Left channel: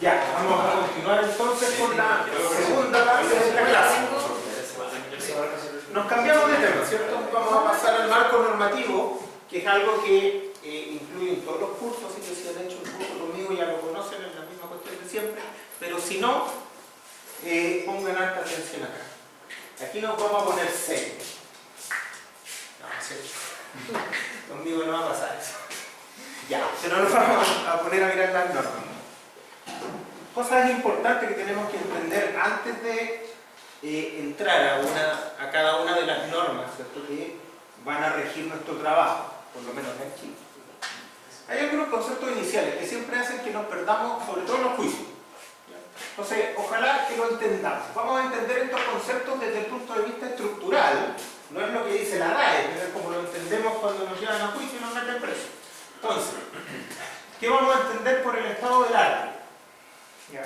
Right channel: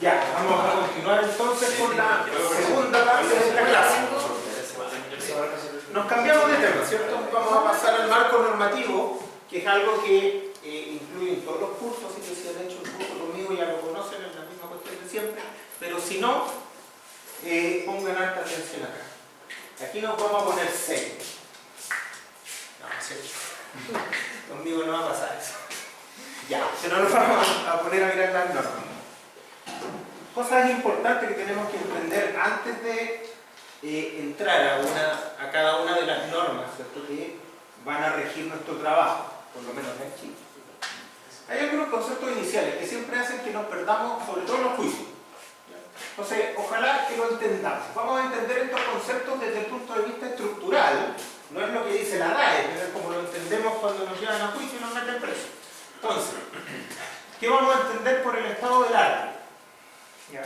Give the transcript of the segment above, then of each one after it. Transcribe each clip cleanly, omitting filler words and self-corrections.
Ya, vamos a continuar entonces con la segunda parte de esta clase. Nos cambiamos de tema, ¿cierto? Vamos a pasar al marco normativo, que es algo que incluye en todos los cursos, así que si han hecho el curso conmigo ya lo conocen, es la misma cuestión de siempre, pero si no, pongan alta atención acá. Aquí nos vamos a poner 6. No, ¿cierto? Conmigo no va a pasar eso. Ya, pero nos vamos a poner a mirar las normas. Cosas importantes que tenemos que entender antes de entrar a cada una de las normas, ¿cierto?, que van a regir nuestro trabajo, por lo menos en Chile. Hay algunos conceptos iniciales que siempre hacen que nos perdamos, sobre todo en los juicios. Entonces, ojalá que lo entendamos. Vamos a entender estos conceptos desde el punto de vista estructural. No es lo que dice la RAE, es como lo entendemos cuando nos llevan a juicio y nos meten preso. Entonces, ¿qué vamos a entender por el estado del arte? ¿Ya?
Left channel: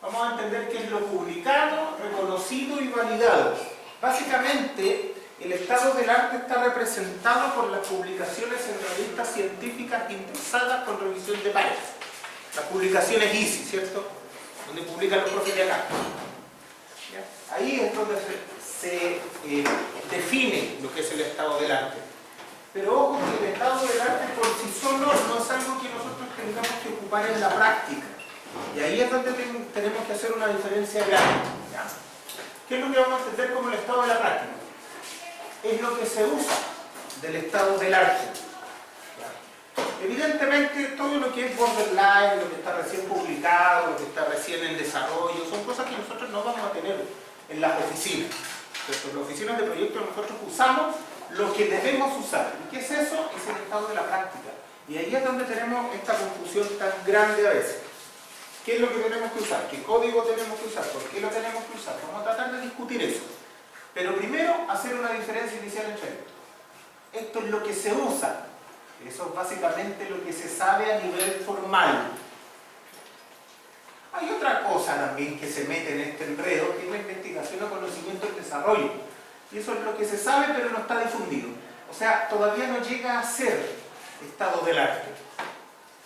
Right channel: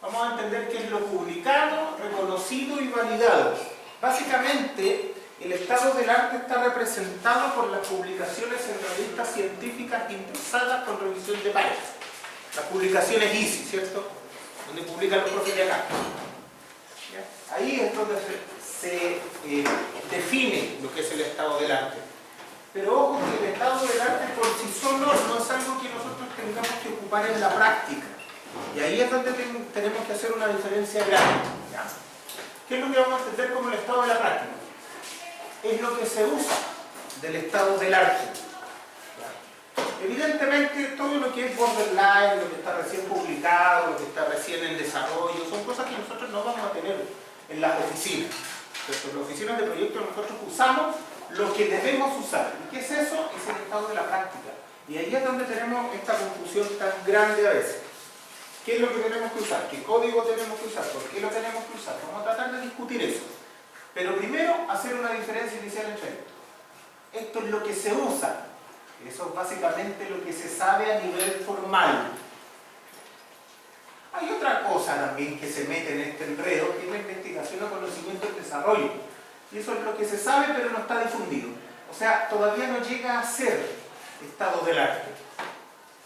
Vamos a entender qué es lo publicado, reconocido y validado. Básicamente, el estado del arte está representado por las publicaciones en revistas científicas indexadas con revisión de pares. Las publicaciones ISI, ¿cierto?, donde publican los profes de acá. ¿Ya? Ahí es donde se define lo que es el estado del arte. Pero ojo que el estado del arte por sí solo no es algo que nosotros tengamos que ocupar en la práctica. Y ahí es donde tenemos que hacer una diferencia grande. ¿Ya? ¿Qué es lo que vamos a entender como el estado de la práctica? Es lo que se usa del estado del arte. ¿Ya? Evidentemente, todo lo que es borderline, lo que está recién publicado, lo que está recién en desarrollo, son cosas que nosotros no vamos a tener en las oficinas. En las oficinas de proyectos nosotros usamos lo que debemos usar. ¿Y qué es eso? Es el estado de la práctica. Y ahí es donde tenemos esta confusión tan grande a veces. ¿Qué es lo que tenemos que usar? ¿Qué código tenemos que usar? ¿Por qué lo tenemos que usar? Vamos a tratar de discutir eso. Pero primero, hacer una diferencia inicial entre esto. Esto es lo que se usa. Eso es básicamente lo que se sabe a nivel formal. Hay otra cosa también que se mete en este enredo, que es la investigación o conocimiento y desarrollo. Y eso es lo que se sabe, pero no está difundido. O sea, todavía no llega a ser estado del arte.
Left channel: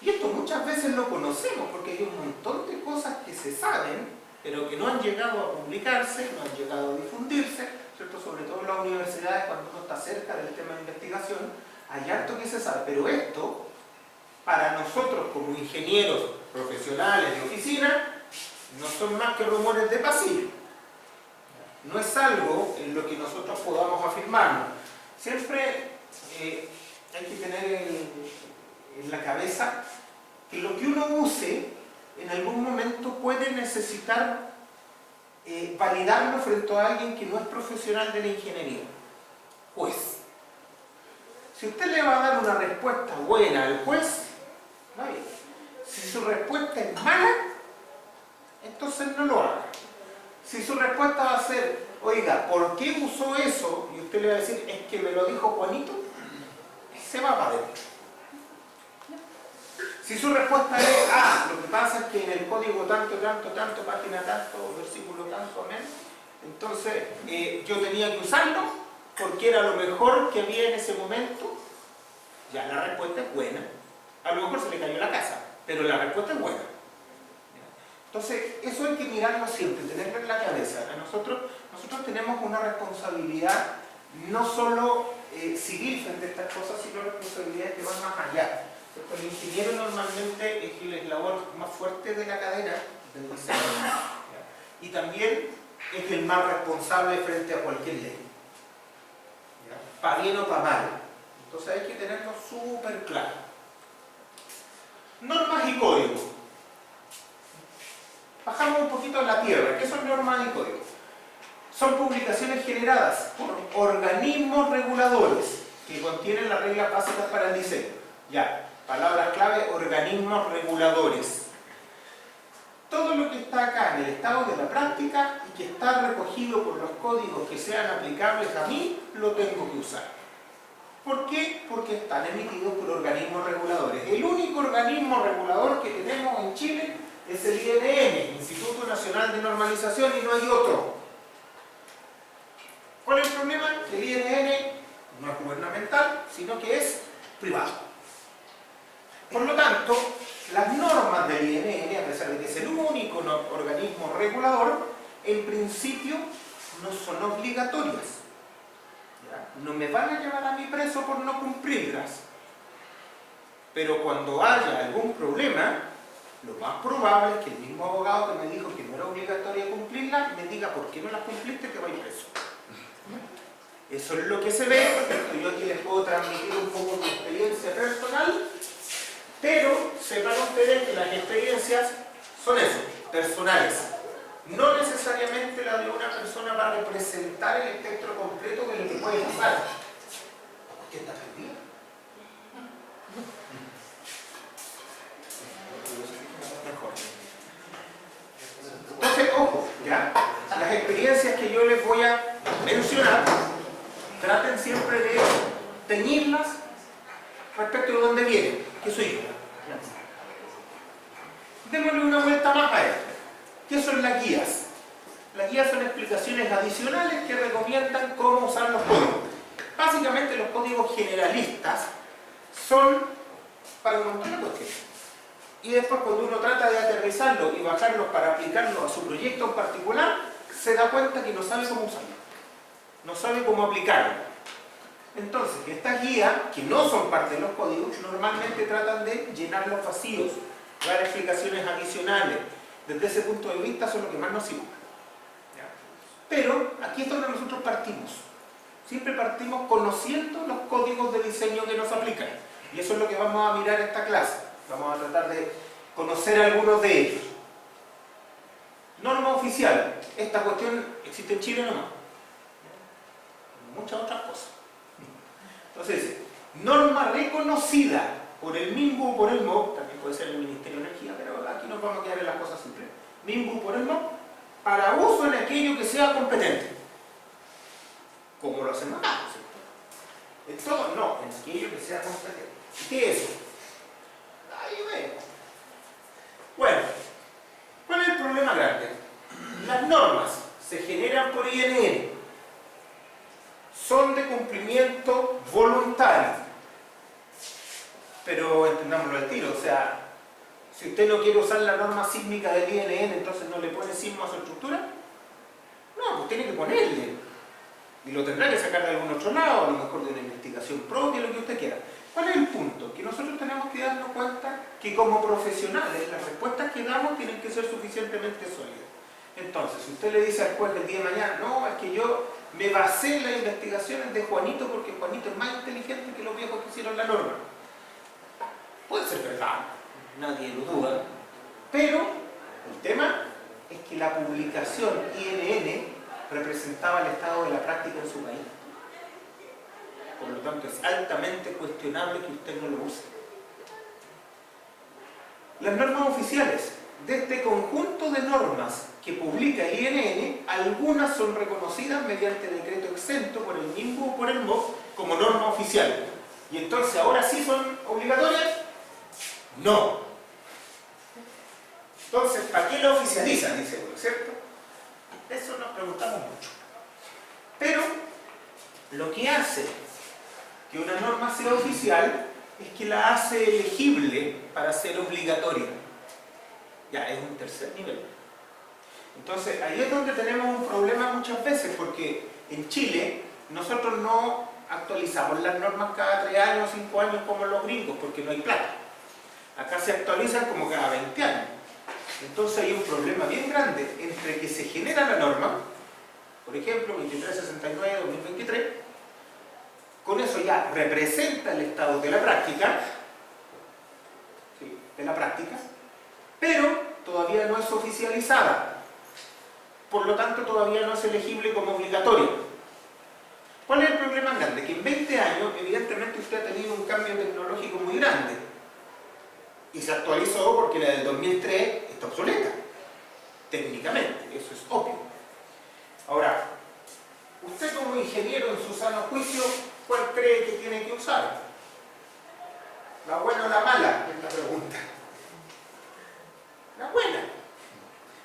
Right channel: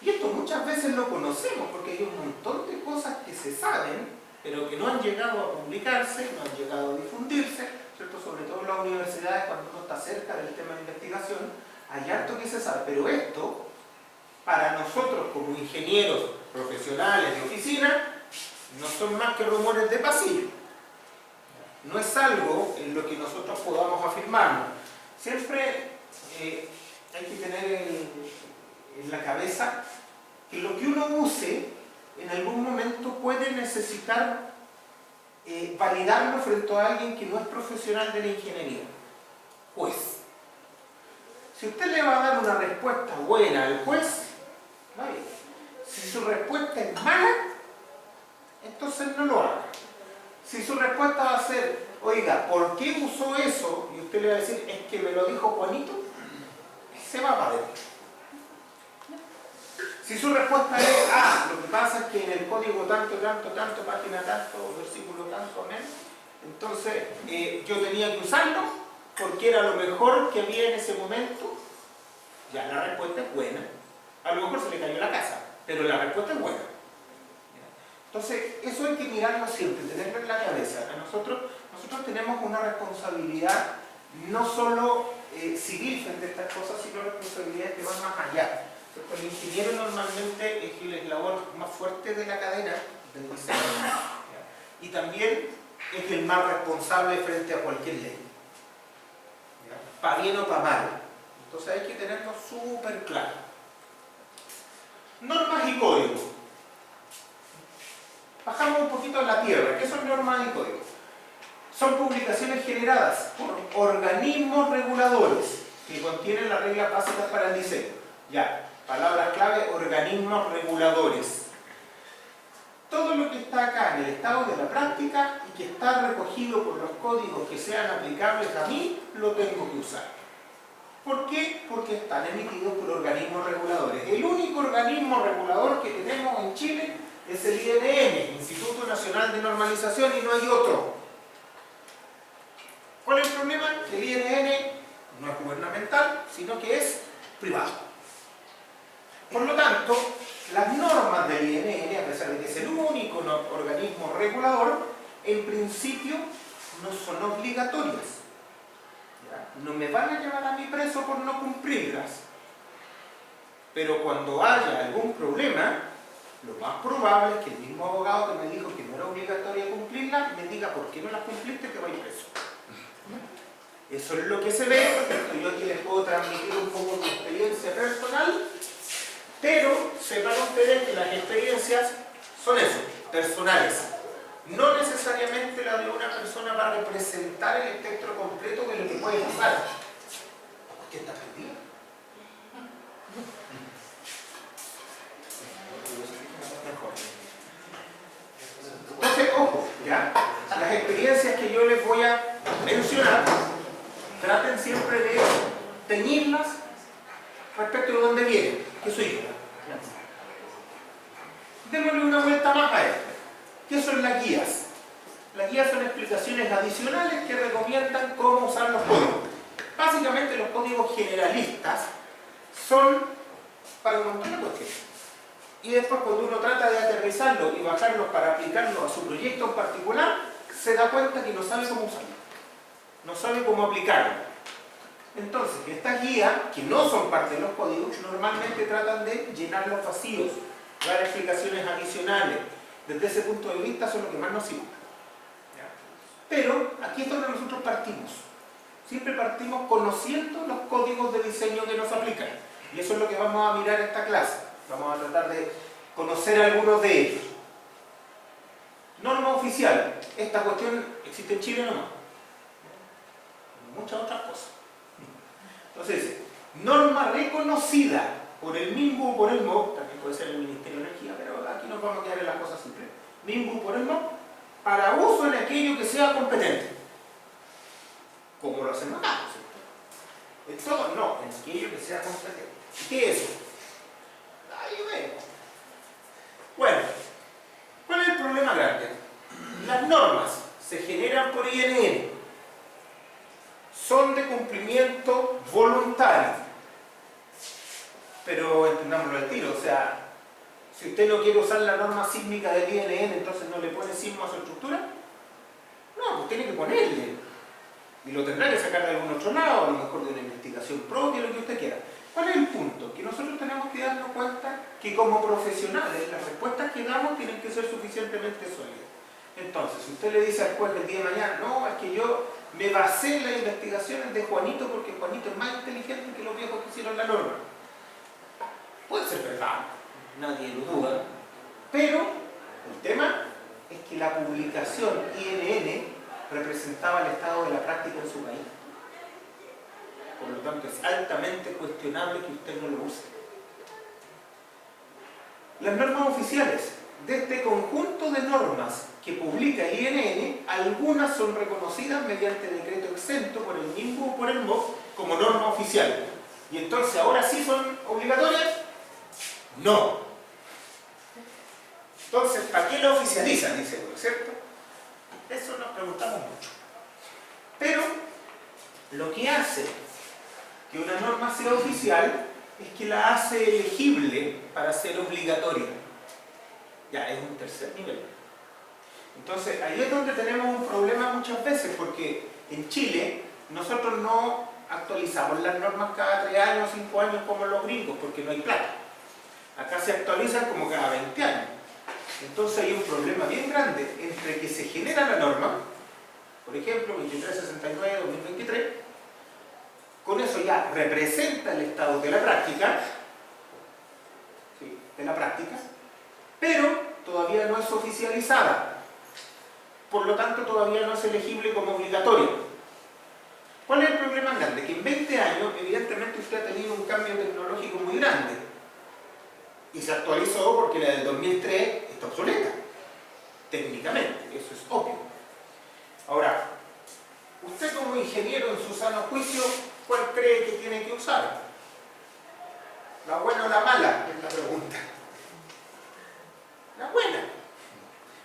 Y esto muchas veces lo conocemos, porque hay un montón de cosas que se saben, pero que no han llegado a publicarse, no han llegado a difundirse, ¿cierto? Sobre todo en las universidades, cuando uno está cerca del tema de investigación, hay harto que se sabe. Pero esto, para nosotros como ingenieros profesionales de oficina, no son más que rumores de pasillo. No es algo en lo que nosotros podamos afirmarnos. Siempre hay que tener en la cabeza que lo que uno use en algún momento puede necesitar validarlo frente a alguien que no es profesional de la ingeniería. Juez. Si usted le va a dar una respuesta buena al juez, va bien. Si su respuesta es mala, entonces no lo haga. Si su respuesta va a ser, oiga, ¿por qué usó eso? Y usted le va a decir, es que me lo dijo Juanito, se va para adentro. Si su respuesta es, lo que pasa es que en el código tanto, página tanto, versículo tanto, amén, entonces yo tenía que usarlo porque era lo mejor que había en ese momento, ya la respuesta es buena. A lo mejor se le cayó la casa, pero la respuesta es buena. Entonces, eso hay que mirarlo siempre, tenerlo en la cabeza. Nosotros tenemos una responsabilidad no solo civil frente a estas cosas, sino responsabilidades que van más allá. El ingeniero normalmente es el eslabón más fuerte de la cadena del diseño. Y también es el más responsable frente a cualquier ley. Para bien o para mal. Entonces hay que tenerlo súper claro. Normas y códigos. Bajamos un poquito a la tierra. ¿Qué son normas y códigos? Son publicaciones generadas por organismos reguladores que contienen las reglas básicas para el diseño. Ya, palabras clave, organismos reguladores. Todo lo que está acá en el estado de la práctica y que está recogido por los códigos que sean aplicables a mí, lo tengo que usar. ¿Por qué? Porque están emitidos por organismos reguladores. El único organismo regulador que tenemos en Chile es el INN, Instituto Nacional de Normalización, y no hay otro. ¿Cuál es el problema? El INN no es gubernamental, sino que es privado. Por lo tanto, las normas del INN, a pesar de que es el único organismo regulador, en principio no son obligatorias. ¿Ya? No me van a llevar a mí preso por no cumplirlas. Pero cuando haya algún problema, lo más probable es que el mismo abogado que me dijo que no era obligatorio cumplirlas, me diga por qué no las cumpliste, que vais preso. Eso es lo que se ve, porque yo aquí les puedo transmitir un poco mi experiencia personal, pero sepan ustedes que las experiencias son eso, personales. No necesariamente la de una persona va a representar el espectro completo de lo que puede pasar. ¿Qué está perdido? Mejor. Entonces, ojo, ¿ya? Las experiencias que yo les voy a mencionar, traten siempre de teñirlas respecto de dónde vienen, que soy yo. Démosle una vuelta más a esto. ¿Qué son las guías? Las guías son explicaciones adicionales que recomiendan cómo usar los códigos. Básicamente los códigos generalistas son para un montón de cuestiones. Y después cuando uno trata de aterrizarlo y bajarlos para aplicarlo a su proyecto en particular, se da cuenta que no sabe cómo usarlo. No sabe cómo aplicarlo. Entonces, estas guías, que no son parte de los códigos, normalmente tratan de llenar los vacíos, dar explicaciones adicionales. Desde ese punto de vista son lo que más nos sirve. Pero aquí es donde nosotros partimos. Siempre partimos conociendo los códigos de diseño que nos aplican. Y eso es lo que vamos a mirar en esta clase. Vamos a tratar de conocer algunos de ellos. Norma oficial. Esta cuestión existe en Chile nomás. Muchas otras cosas. Entonces, norma reconocida por el MIMBU o por el MOB, también puede ser el Ministerio de Energía, pero aquí nos vamos a quedar en las cosas simples. MIMBU por el MOB, para uso en aquello que sea competente. Como lo hacemos acá, ¿cierto? En todo, no, en aquello que sea competente. ¿Qué es eso? Ahí vemos. Bueno, ¿cuál es el problema grande? Las normas se generan por INN, son de cumplimiento voluntario. Pero entendámoslo al tiro, o sea, si usted no quiere usar la norma sísmica del INN, entonces no le pone sismo a su estructura. No, pues tiene que ponerle. Y lo tendrá que sacar de algún otro lado, a lo mejor de una investigación propia, lo que usted quiera. ¿Cuál es el punto? Que nosotros tenemos que darnos cuenta que como profesionales las respuestas que damos tienen que ser suficientemente sólidas. Entonces, si usted le dice al juez del día de mañana, no, es que yo me basé en las investigaciones de Juanito porque Juanito es más inteligente que los viejos que hicieron la norma. Puede ser verdad, nadie lo duda, pero el tema es que la publicación INN representaba el estado de la práctica en su país. Por lo tanto, es altamente cuestionable que usted no lo use. Las normas oficiales. De este conjunto de normas que publica el INN, algunas son reconocidas mediante decreto exento por el MIMBU o por el MOB como norma oficial. Y entonces, ¿ahora sí son obligatorias? No. Entonces, ¿para qué lo oficializan? Dice uno, ¿cierto? Eso nos preguntamos mucho. Pero, lo que hace que una norma sea oficial es que la hace elegible para ser obligatoria. Ya, es un tercer nivel. Entonces, ahí es donde tenemos un problema muchas veces, porque en Chile nosotros no actualizamos las normas cada 3 años o 5 años como los gringos, porque no hay plata. Acá se actualizan como cada 20 años. Entonces hay un problema bien grande entre que se genera la norma, por ejemplo, 2369-2023, con eso ya representa el estado de la práctica, ¿sí? De la práctica, pero todavía no es oficializada. Por lo tanto, todavía no es elegible como obligatoria. ¿Cuál es el problema grande? Que en 20 años, evidentemente, usted ha tenido un cambio tecnológico muy grande. Y se actualizó porque la del 2003 está obsoleta. Técnicamente, eso es obvio. Ahora, usted como ingeniero en su sano juicio, ¿cuál cree que tiene que usar? ¿La buena o la mala? Es la pregunta. La buena.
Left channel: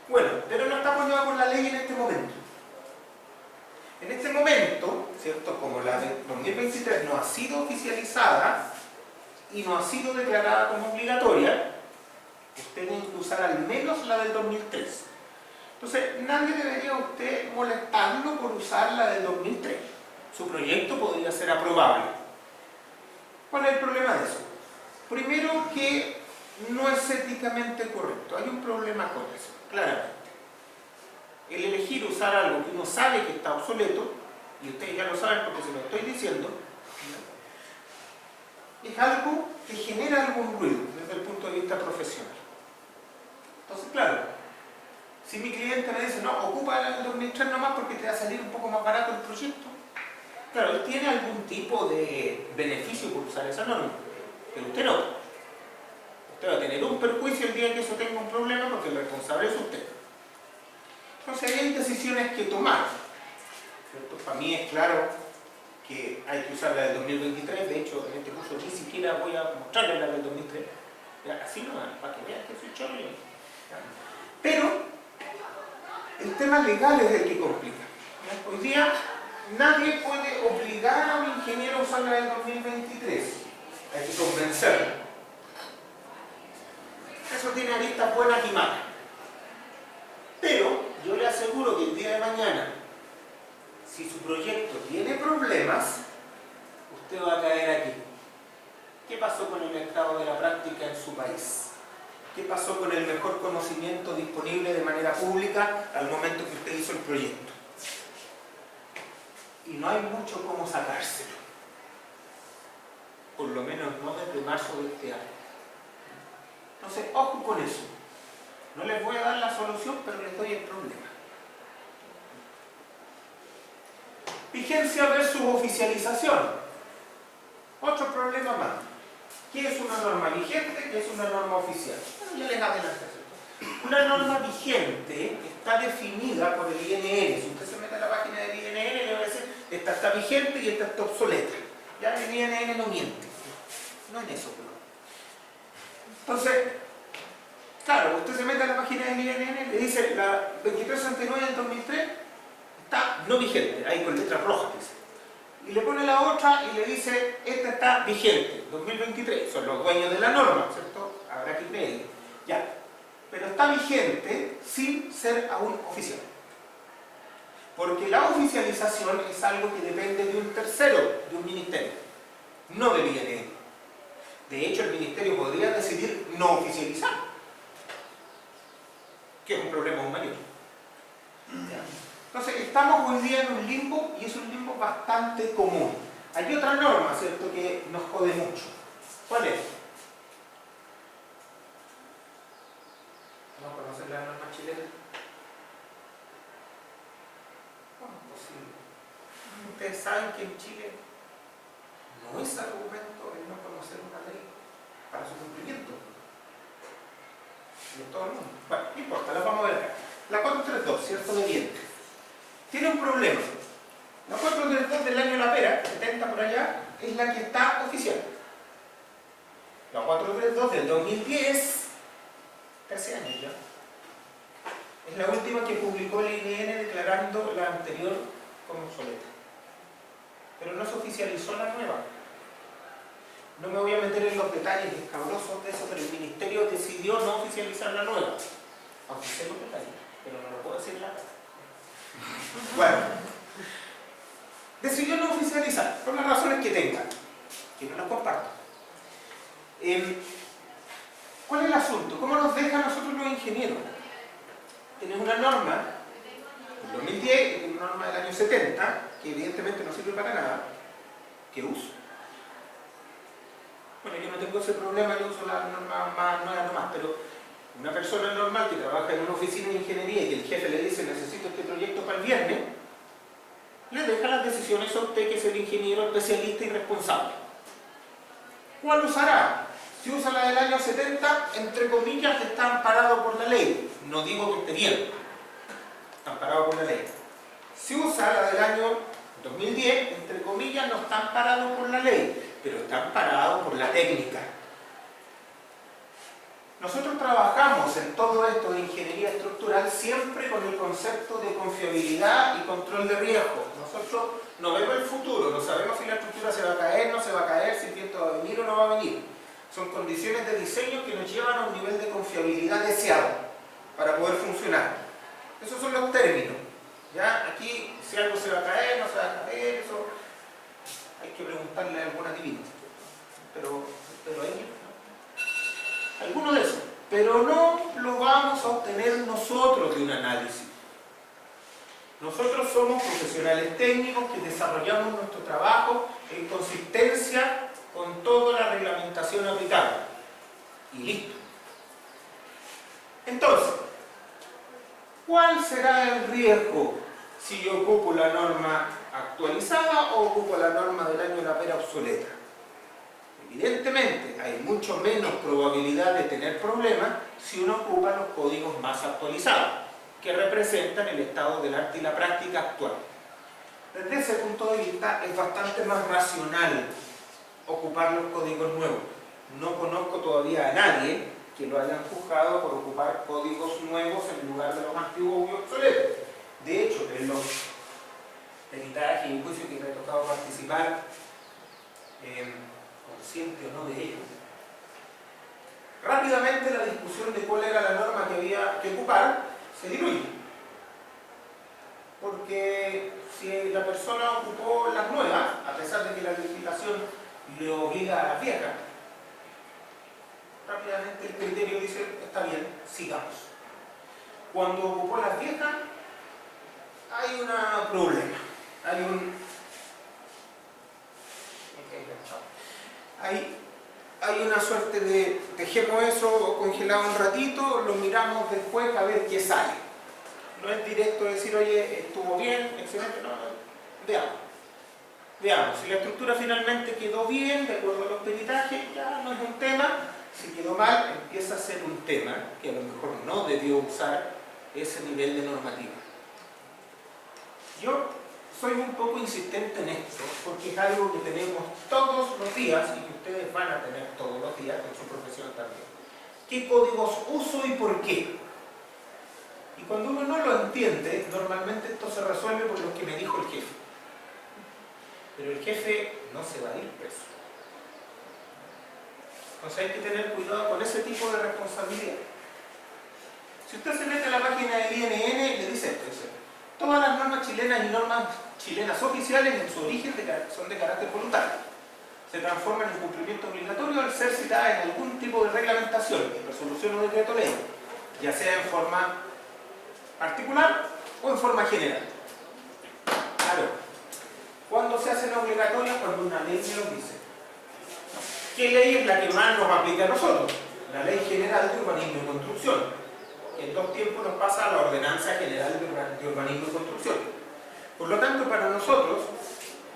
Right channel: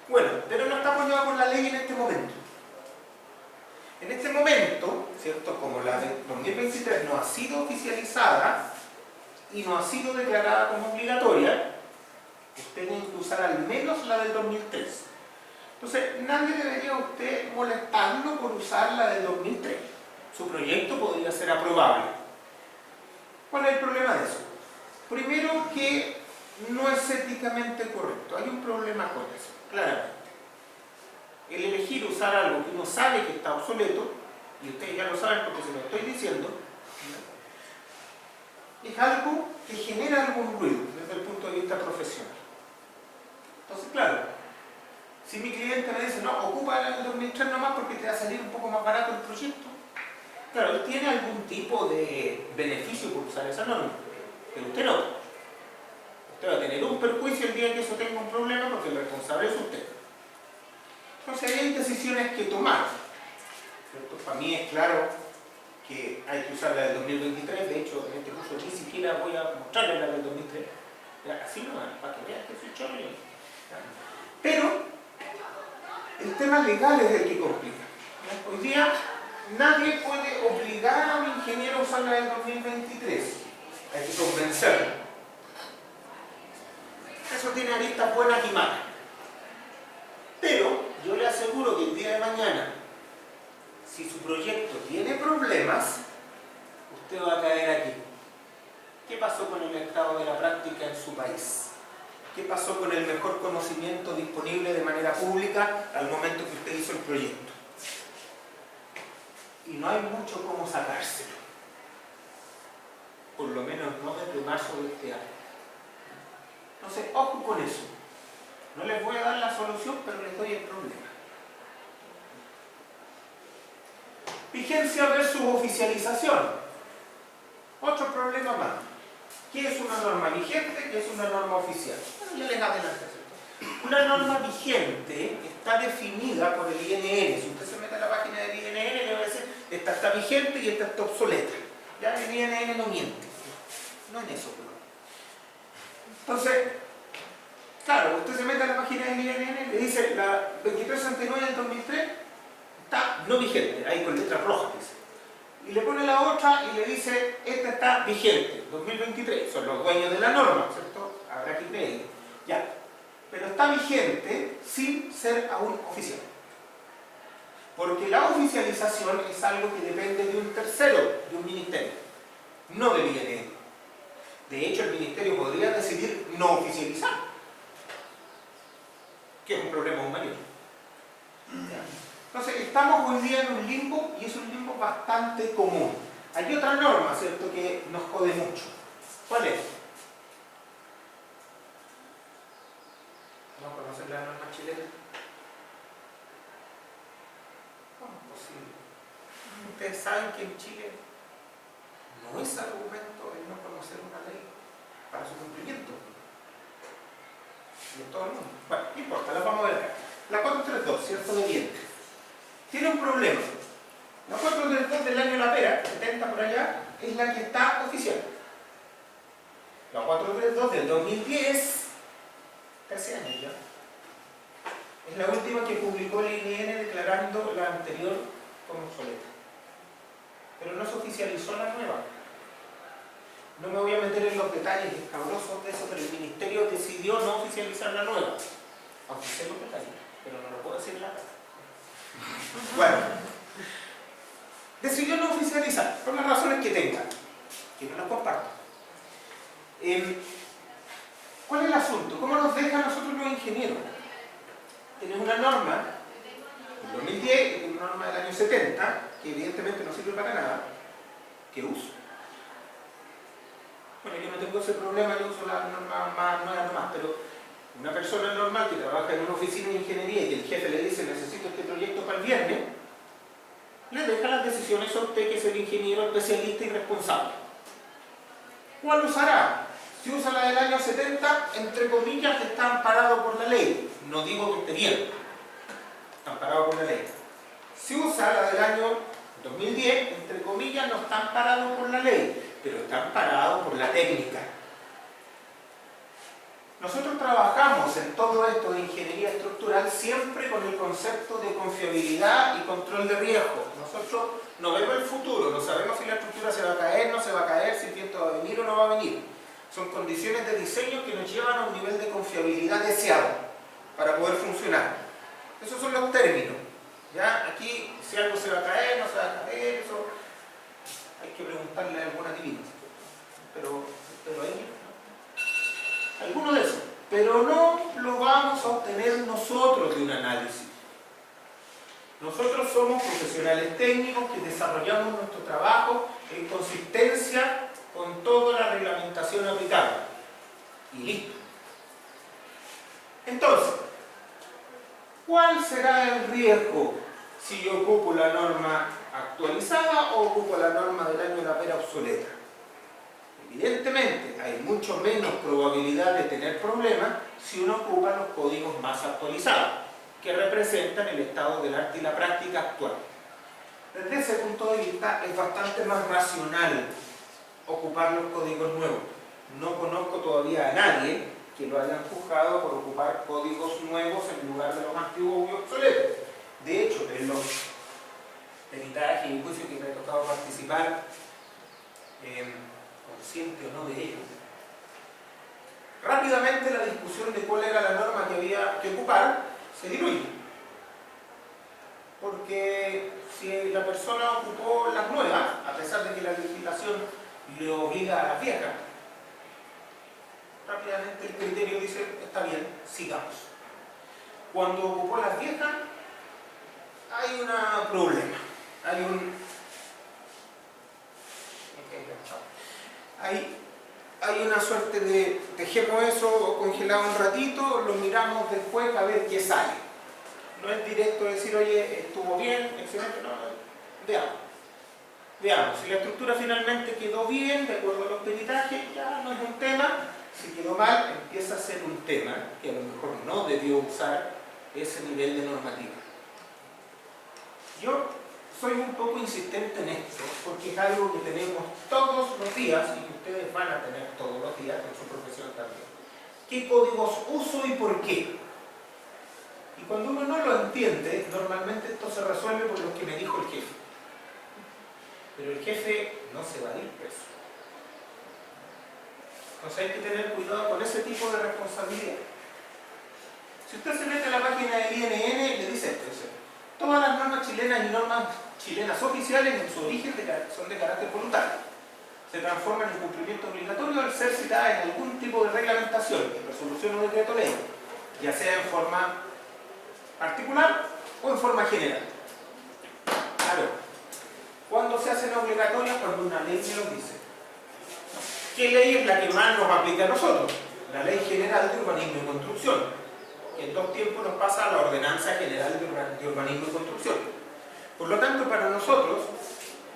Bueno, pero no estamos ya con la ley en este momento. En este momento, ¿cierto? Como la de 2023 no ha sido oficializada y no ha sido declarada como obligatoria, Usted tiene que usar al menos la del 2003. Entonces, nadie debería a usted molestarlo por usar la del 2003. Su proyecto podría ser aprobable. ¿Cuál es el problema de eso? Primero, que no es éticamente correcto. Hay un problema con eso, claramente. El elegir usar algo que uno sabe que está obsoleto, y ustedes ya lo saben porque se lo estoy diciendo, es algo que genera algún ruido desde el punto de vista profesional. Entonces, claro, si mi cliente me dice, no, ocupa el 2003 nomás porque te va a salir un poco más barato el proyecto, claro, él tiene algún tipo de beneficio por usar esa norma, pero usted no. Usted va a tener un perjuicio el día que eso tenga un problema porque el responsable es usted. Entonces, ahí hay decisiones que tomar, ¿cierto? Para mí es claro que hay que usar la del 2023, de hecho, en este curso ni siquiera voy a mostrarle la del 2003, así no, para que vean que soy chorro. Pero el tema legal es el que complica. Hoy día nadie puede obligar a un ingeniero a usar la del 2023, hay que convencerlo. Eso tiene aristas buenas y malas. Pero yo le aseguro que el día de mañana, si su proyecto tiene problemas, usted va a caer aquí. ¿Qué pasó con el estado de la práctica en su país? ¿Qué pasó con el mejor conocimiento disponible de manera pública al momento que usted hizo el proyecto? Y no hay mucho cómo sacárselo. Por lo menos no desde marzo de este año. Entonces, ojo con eso. No les voy a dar la solución, pero les doy el problema. Vigencia versus oficialización. Otro problema más. ¿Qué es una norma vigente? ¿Qué es una norma oficial? Bueno, ya les adelanté eso. Una norma vigente está definida por el INN. Si usted se mete a la página del INN, le va a decir, esta está vigente y esta está obsoleta. Ya el INN no miente. No en eso, pero. Entonces, claro, usted se mete a la página del INN, le dice la 2369 del 2003 está no vigente, ahí con letras rojas dice. Y le pone la otra y le dice, esta está vigente, 2023, son los dueños de la norma, ¿cierto? Habrá que creerle. Ya, pero está vigente sin ser aún oficial. Porque la oficialización es algo que depende de un tercero, de un ministerio, no del INN. De hecho, el ministerio podría decidir no oficializar, que es un problema aún mayor. Entonces, estamos hoy día en un limbo, y es un limbo bastante común. Hay otra norma, ¿cierto?, que nos jode mucho. ¿Cuál es? ¿No conocen la norma chilena? ¿Cómo es posible? Ustedes saben que en Chile no es argumento el no conocer una ley para su cumplimiento. Y en todo el mundo. Bueno, no importa, la vamos a ver acá. La 432, ¿cierto? De dientes. Tiene un problema. La 432 del año La Pera, 70 por allá, es la que está oficial. La 432 del 2010, 13 años ya, es la última que publicó el INN declarando la anterior como obsoleta. Pero no se oficializó la nueva. No me voy a meter en los detalles escabrosos de eso, pero el ministerio decidió no oficializar la nueva. Aunque sé los detalles, pero no lo puedo decir en la cara. Bueno, decidió no oficializar, por las razones que tenga, que no las comparto. ¿Cuál es el asunto? ¿Cómo nos deja a nosotros los ingenieros? Tenemos una norma del 2010 y una norma del año 70, que evidentemente no sirve para nada, que uso. Bueno, yo no tengo ese problema, yo uso la norma más nueva nomás, pero una persona normal que trabaja en una oficina de ingeniería y que el jefe le dice necesito este proyecto para el viernes, le deja las decisiones a usted, que es el ingeniero especialista y responsable. ¿Cuál usará? Si usa la del año 70, entre comillas, está amparado por la ley. No digo que esté bien, está amparado por la ley. Si usa la del año 2010, entre comillas, no está amparado por la ley, pero está amparado por la técnica. Nosotros trabajamos en todo esto de ingeniería estructural siempre con el concepto de confiabilidad y control de riesgo. Nosotros no vemos el futuro, no sabemos si la estructura se va a caer, no se va a caer, si el viento va a venir o no va a venir. Son condiciones de diseño que nos llevan a un nivel de confiabilidad deseado para poder funcionar. Esos son los términos. ¿Ya? Aquí, si algo se va a caer, no se va a caer, eso hay que preguntarle a algún adivino. Pero ahí, alguno de esos. Pero no lo vamos a obtener nosotros de un análisis. Nosotros somos profesionales técnicos que desarrollamos nuestro trabajo en consistencia con toda la reglamentación aplicable. Y listo. Entonces, ¿cuál será el riesgo si yo ocupo la norma actualizada o ocupo la norma del año de la pera obsoleta? Evidentemente, hay mucho menos probabilidad de tener problemas si uno ocupa los códigos más actualizados, que representan el estado del arte y la práctica actual. Desde ese punto de vista, es bastante más racional ocupar los códigos nuevos. No conozco todavía a nadie que lo hayan juzgado por ocupar códigos nuevos en lugar de los antiguos y obsoletos. De hecho, en los peritajes y juicios que me ha tocado participar, consciente o no de ello, rápidamente la discusión de cuál era la norma que había que ocupar se diluye. Porque si la persona ocupó las nuevas, a pesar de que la legislación le obliga a las viejas, rápidamente el criterio dice, está bien, sigamos. Cuando ocupó las viejas, hay un problema. Hay una suerte de dejemos eso congelado un ratito, lo miramos después a ver qué sale. No es directo decir, oye, estuvo bien, excelente, no, veamos. Si la estructura finalmente quedó bien, de acuerdo a los peritajes, ya no es un tema. Si quedó mal, empieza a ser un tema que a lo mejor no debió usar ese nivel de normativa. Yo soy un poco insistente en esto, porque es algo que tenemos todos los días y que ustedes van a tener todos los días en su profesión también. ¿Qué códigos uso y por qué? Y cuando uno no lo entiende, normalmente esto se resuelve por lo que me dijo el jefe. Pero el jefe no se va a ir preso. Entonces hay que tener cuidado con ese tipo de responsabilidad. Si usted se mete a la página del INN, le dice esto, dice, todas las normas chilenas y normas chilenas oficiales en su origen son de carácter voluntario. Se transforman en cumplimiento obligatorio al ser citadas en algún tipo de reglamentación, en resolución o decreto ley, ya sea en forma particular o en forma general. Claro, ¿cuándo se hacen obligatorias? Cuando una ley me lo dice. ¿Qué ley es la que más nos aplica a nosotros? La Ley General de Urbanismo y Construcción, que en 2 tiempos nos pasa a la Ordenanza General de Urbanismo y Construcción. Por lo tanto, para nosotros,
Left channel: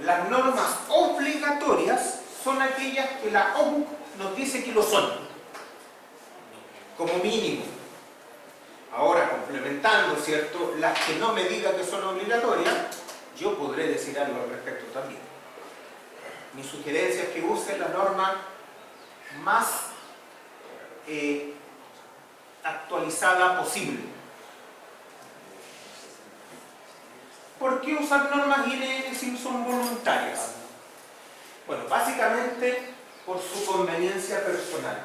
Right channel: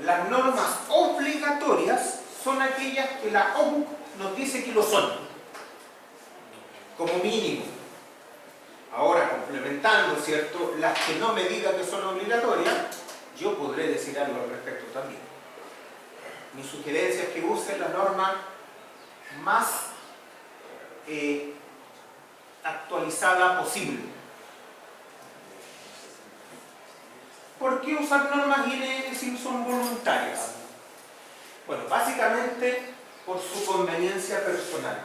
las normas obligatorias son aquellas que la OUC nos dice que lo son, como mínimo. Ahora, complementando, ¿cierto?, las que no me diga que son obligatorias, yo podré decir algo al respecto también. Mi sugerencia es que usen la norma más actualizada posible. ¿Por qué usar normas INN si son voluntarias? Bueno, básicamente por su conveniencia personal.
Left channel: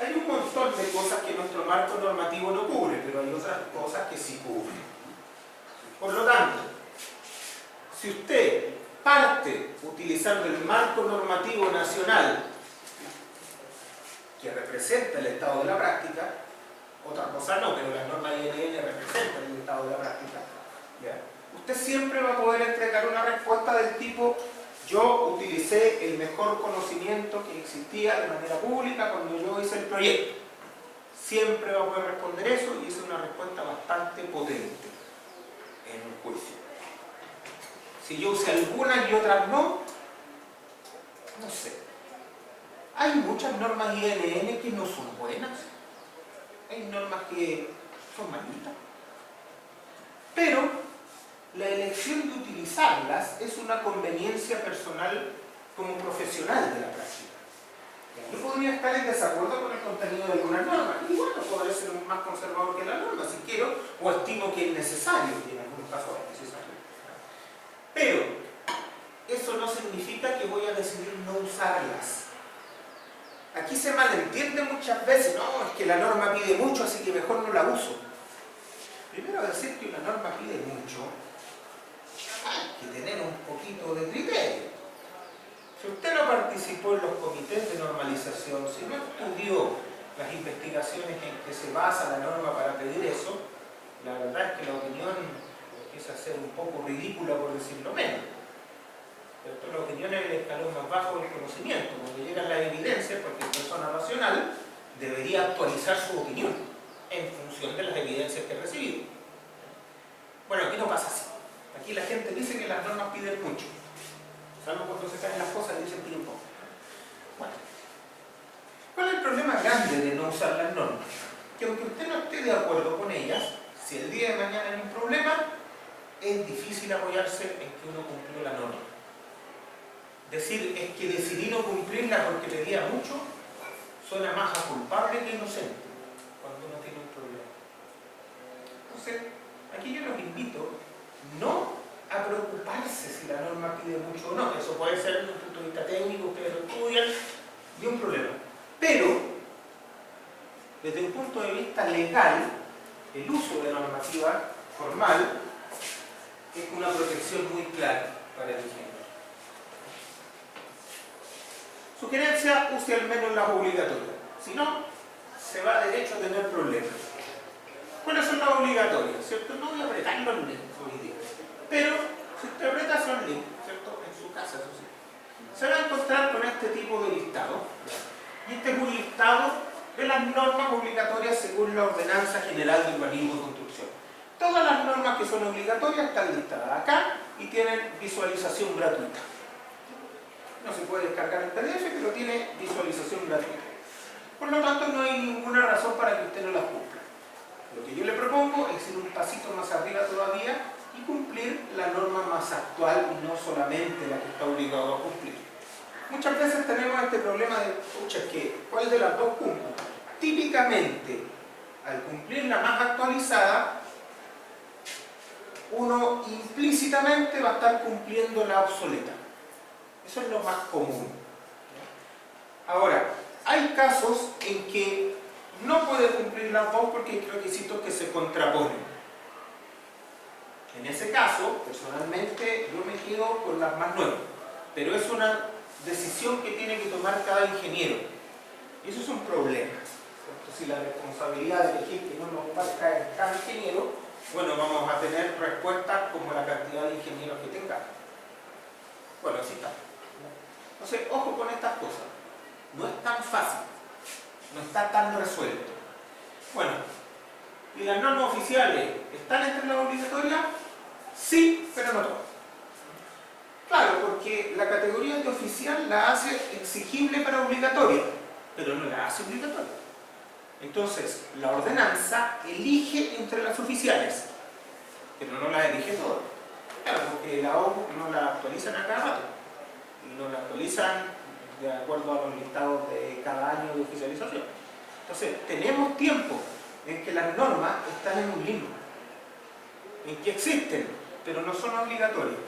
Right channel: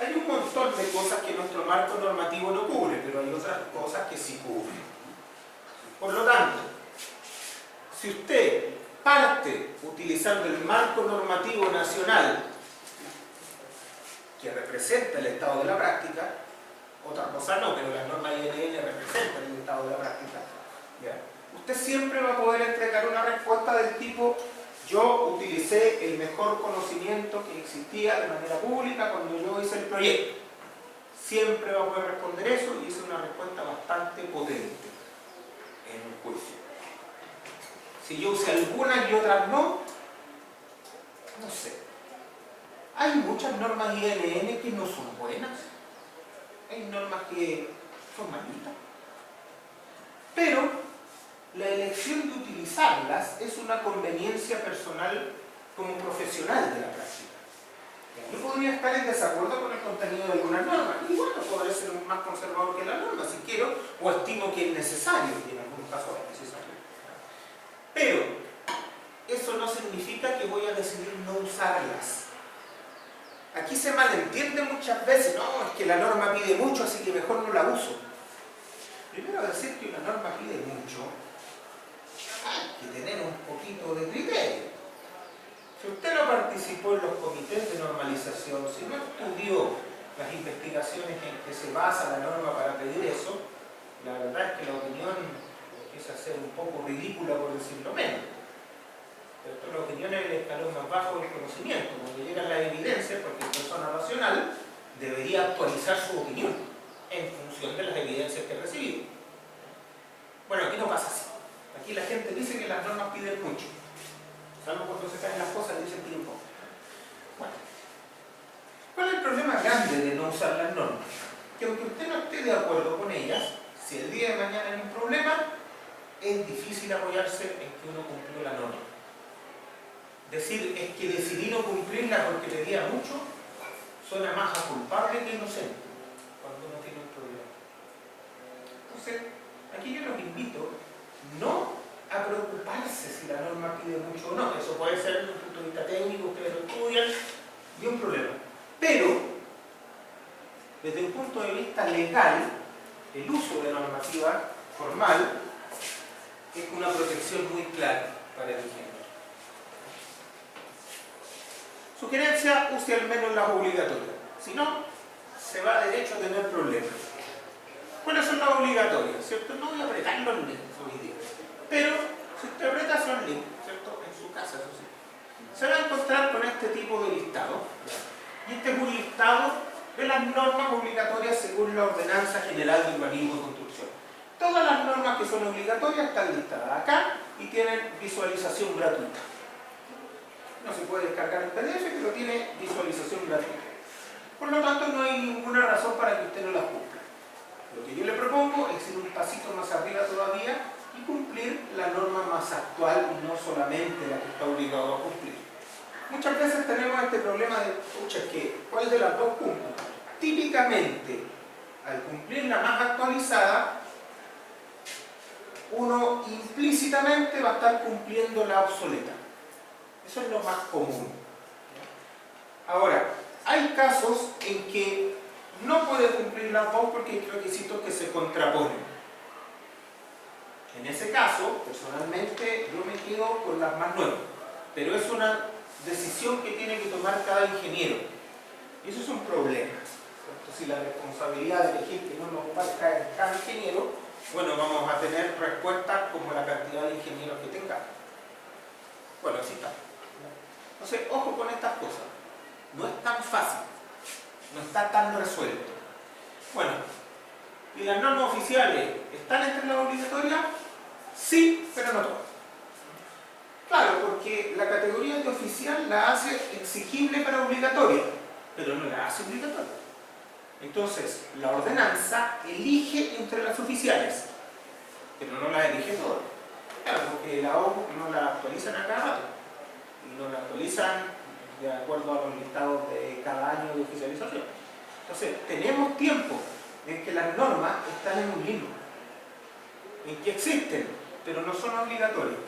Hay un montón de cosas que nuestro marco normativo no cubre, pero hay otras cosas que sí cubre. Por lo tanto, si usted parte utilizando el marco normativo nacional que representa el estado de la práctica, otra cosa no, pero las normas INN representan el estado de la práctica, ¿ya? Usted siempre va a poder entregar una respuesta del tipo: yo utilicé el mejor conocimiento que existía de manera pública cuando yo hice el proyecto. Siempre va a poder responder eso, y es una respuesta bastante potente en un juicio. Si yo usé algunas y otras no sé. Hay muchas normas INN que no son buenas. Hay normas que son malitas. Pero la elección de utilizarlas es una conveniencia personal como profesional de la práctica. Yo podría estar en desacuerdo con el contenido de algunas normas, y bueno, podré ser más conservador que la norma si quiero, o estimo que es necesario, y en algunos casos es necesario. Pero eso no significa que voy a decidir no usarlas. ¿A aquí se malentiende muchas veces, no, es que la norma pide mucho, así que mejor no la uso. Primero decir que una norma pide mucho, hay que tener un poquito de criterio. Si usted no participó en los comités de normalización, si no estudió las investigaciones en que se basa la norma para pedir eso, la verdad es que la opinión empieza a ser un poco ridícula, por decirlo menos. Pero esto, la opinión es el escalón más bajo del conocimiento. Cuando llegan las evidencias, porque persona racional debería actualizar su opinión en función de las evidencias que ha recibido. Bueno, aquí no pasa así. Aquí la gente dice que las normas piden mucho. Salvo cuando se caen las cosas, dicen que un poco. Bueno, ¿cuál es el problema grande de no usar las normas? Que aunque usted no esté de acuerdo con ellas, si el día de mañana hay un problema, es difícil apoyarse en que uno cumplió la norma. Decir es que decidí no cumplirla porque pedía mucho, suena más a culpable que inocente cuando uno tiene un problema. Entonces, aquí yo los invito no a preocuparse si la norma pide mucho o no. Eso puede ser desde un punto de vista técnico, ustedes lo estudian, y un problema. Pero, desde un punto de vista legal, el uso de normativa formal es una protección muy clara para el ingeniero. Sugerencia, use al menos las obligatorias. Si no, se va derecho a tener problemas. ¿Cuáles son las obligatorias? ¿Cierto? No voy a apretar los links hoy día. Pero, si usted aprieta esos links, ¿cierto? En su casa, eso sí, se va a encontrar con este tipo de listado. Y este es un listado de las normas obligatorias según la Ordenanza General de Urbanismo y Construcción. Todas las normas que son obligatorias están listadas acá y tienen visualización gratuita. No se puede descargar el PDF, pero tiene visualización gratuita. Por lo tanto, no hay ninguna razón para que usted no las cumpla. Lo que yo le propongo es ir un pasito más arriba todavía y cumplir la norma más actual y no solamente la que está obligado a cumplir. Muchas veces tenemos este problema de, pucha, ¿cuál de las dos cumplo? Típicamente, al cumplir la más actualizada, uno implícitamente va a estar cumpliendo la obsoleta. Eso es lo más común. Ahora, hay casos en que no puede cumplir las dos porque hay requisitos que se contraponen. En ese caso, personalmente, yo me quedo con las más nuevas. Pero es una decisión que tiene que tomar cada ingeniero. Y eso es un problema. Entonces, si la responsabilidad de elegir que no nos va a caer en cada ingeniero, bueno, vamos a tener respuestas como la cantidad de ingenieros que tengamos. Bueno, así está. Entonces, ojo con estas cosas. No es tan fácil. No está tan resuelto. Bueno, ¿y las normas oficiales están entre las obligatorias? Sí, pero no todas. Claro, porque la categoría de oficial la hace exigible para obligatoria, pero no la hace obligatoria. Entonces, la ordenanza elige entre las oficiales, pero no las elige todas. Claro, porque la OMS no la actualizan a cada rato, y no la actualizan de acuerdo a los listados de cada año de oficialización. Entonces, tenemos tiempo en que las normas están en un limbo, en que existen, pero no son obligatorias.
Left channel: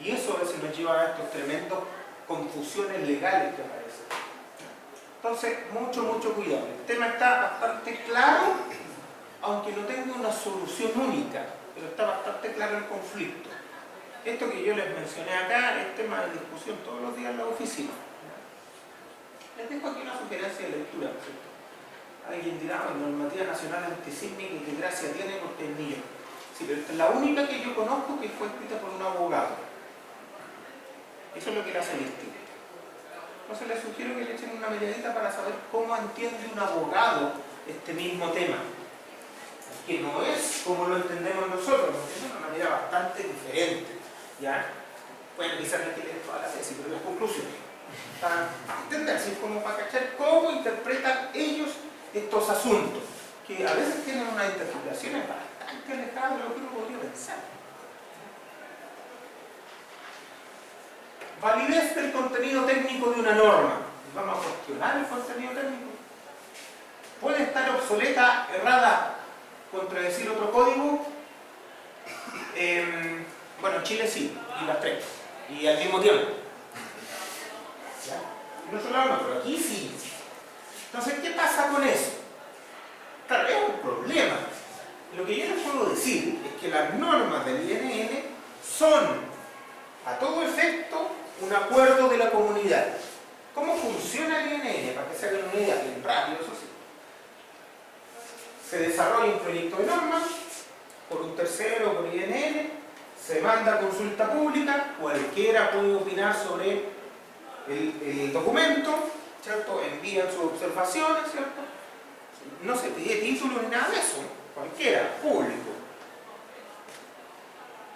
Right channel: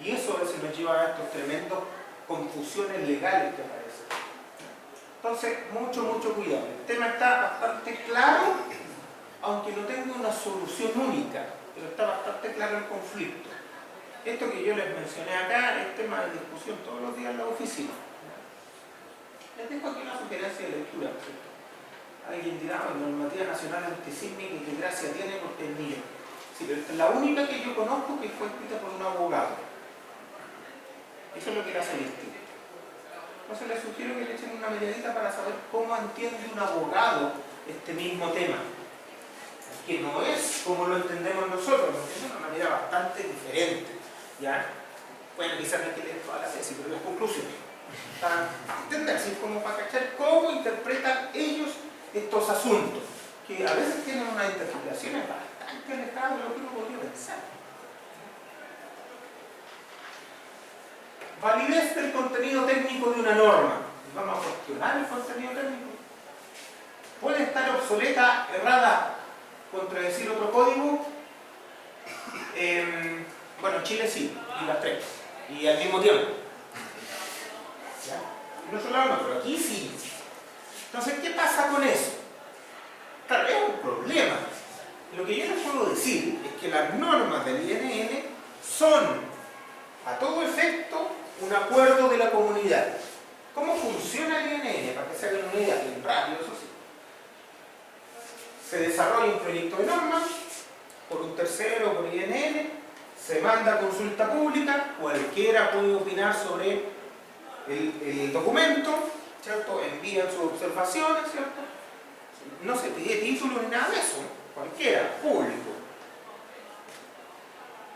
Y eso a veces nos lleva a estos tremendos confusiones legales que aparecen. Entonces, mucho cuidado. El tema está bastante claro, aunque no tenga una solución única, pero está bastante claro el conflicto. Esto que yo les mencioné acá es tema de discusión todos los días en la oficina. Les dejo aquí una sugerencia de lectura. Alguien dirá, normativa nacional antisísmica, y qué gracia tiene porque es mía. Sí, pero esta es la única que yo conozco que fue escrita por un abogado. Eso es lo que le hace distinto. Entonces les sugiero que le echen una miradita para saber cómo entiende un abogado este mismo tema. Que no es como lo entendemos nosotros, lo entienden de una manera bastante diferente. ¿Ya? Bueno, quizás no hay que leer toda la tesis, pero las conclusiones. Para entender, así como para cachar cómo interpretan ellos estos asuntos, que a veces tienen unas interpretaciones bastante alejadas de lo que uno podría pensar. Validez del contenido técnico de una norma. Vamos a cuestionar el contenido técnico. ¿Puede estar obsoleta, errada, contradecir otro código? Bueno, Chile sí, y las tres. Y al mismo tiempo. ¿Ya? No solo no, pero aquí sí. Entonces, ¿qué pasa con eso? Claro, es un problema. Lo que yo les puedo decir es que las normas del INN son, a todo efecto, un acuerdo de la comunidad. ¿Cómo funciona el INN? Para que se hagan una idea, bien rápido, eso sí. Se desarrolla un proyecto de norma por un tercero, por INN, se manda a consulta pública, cualquiera puede opinar sobre el documento, ¿cierto? Envían sus observaciones, ¿cierto? No se pide título ni nada de eso, cualquiera, público.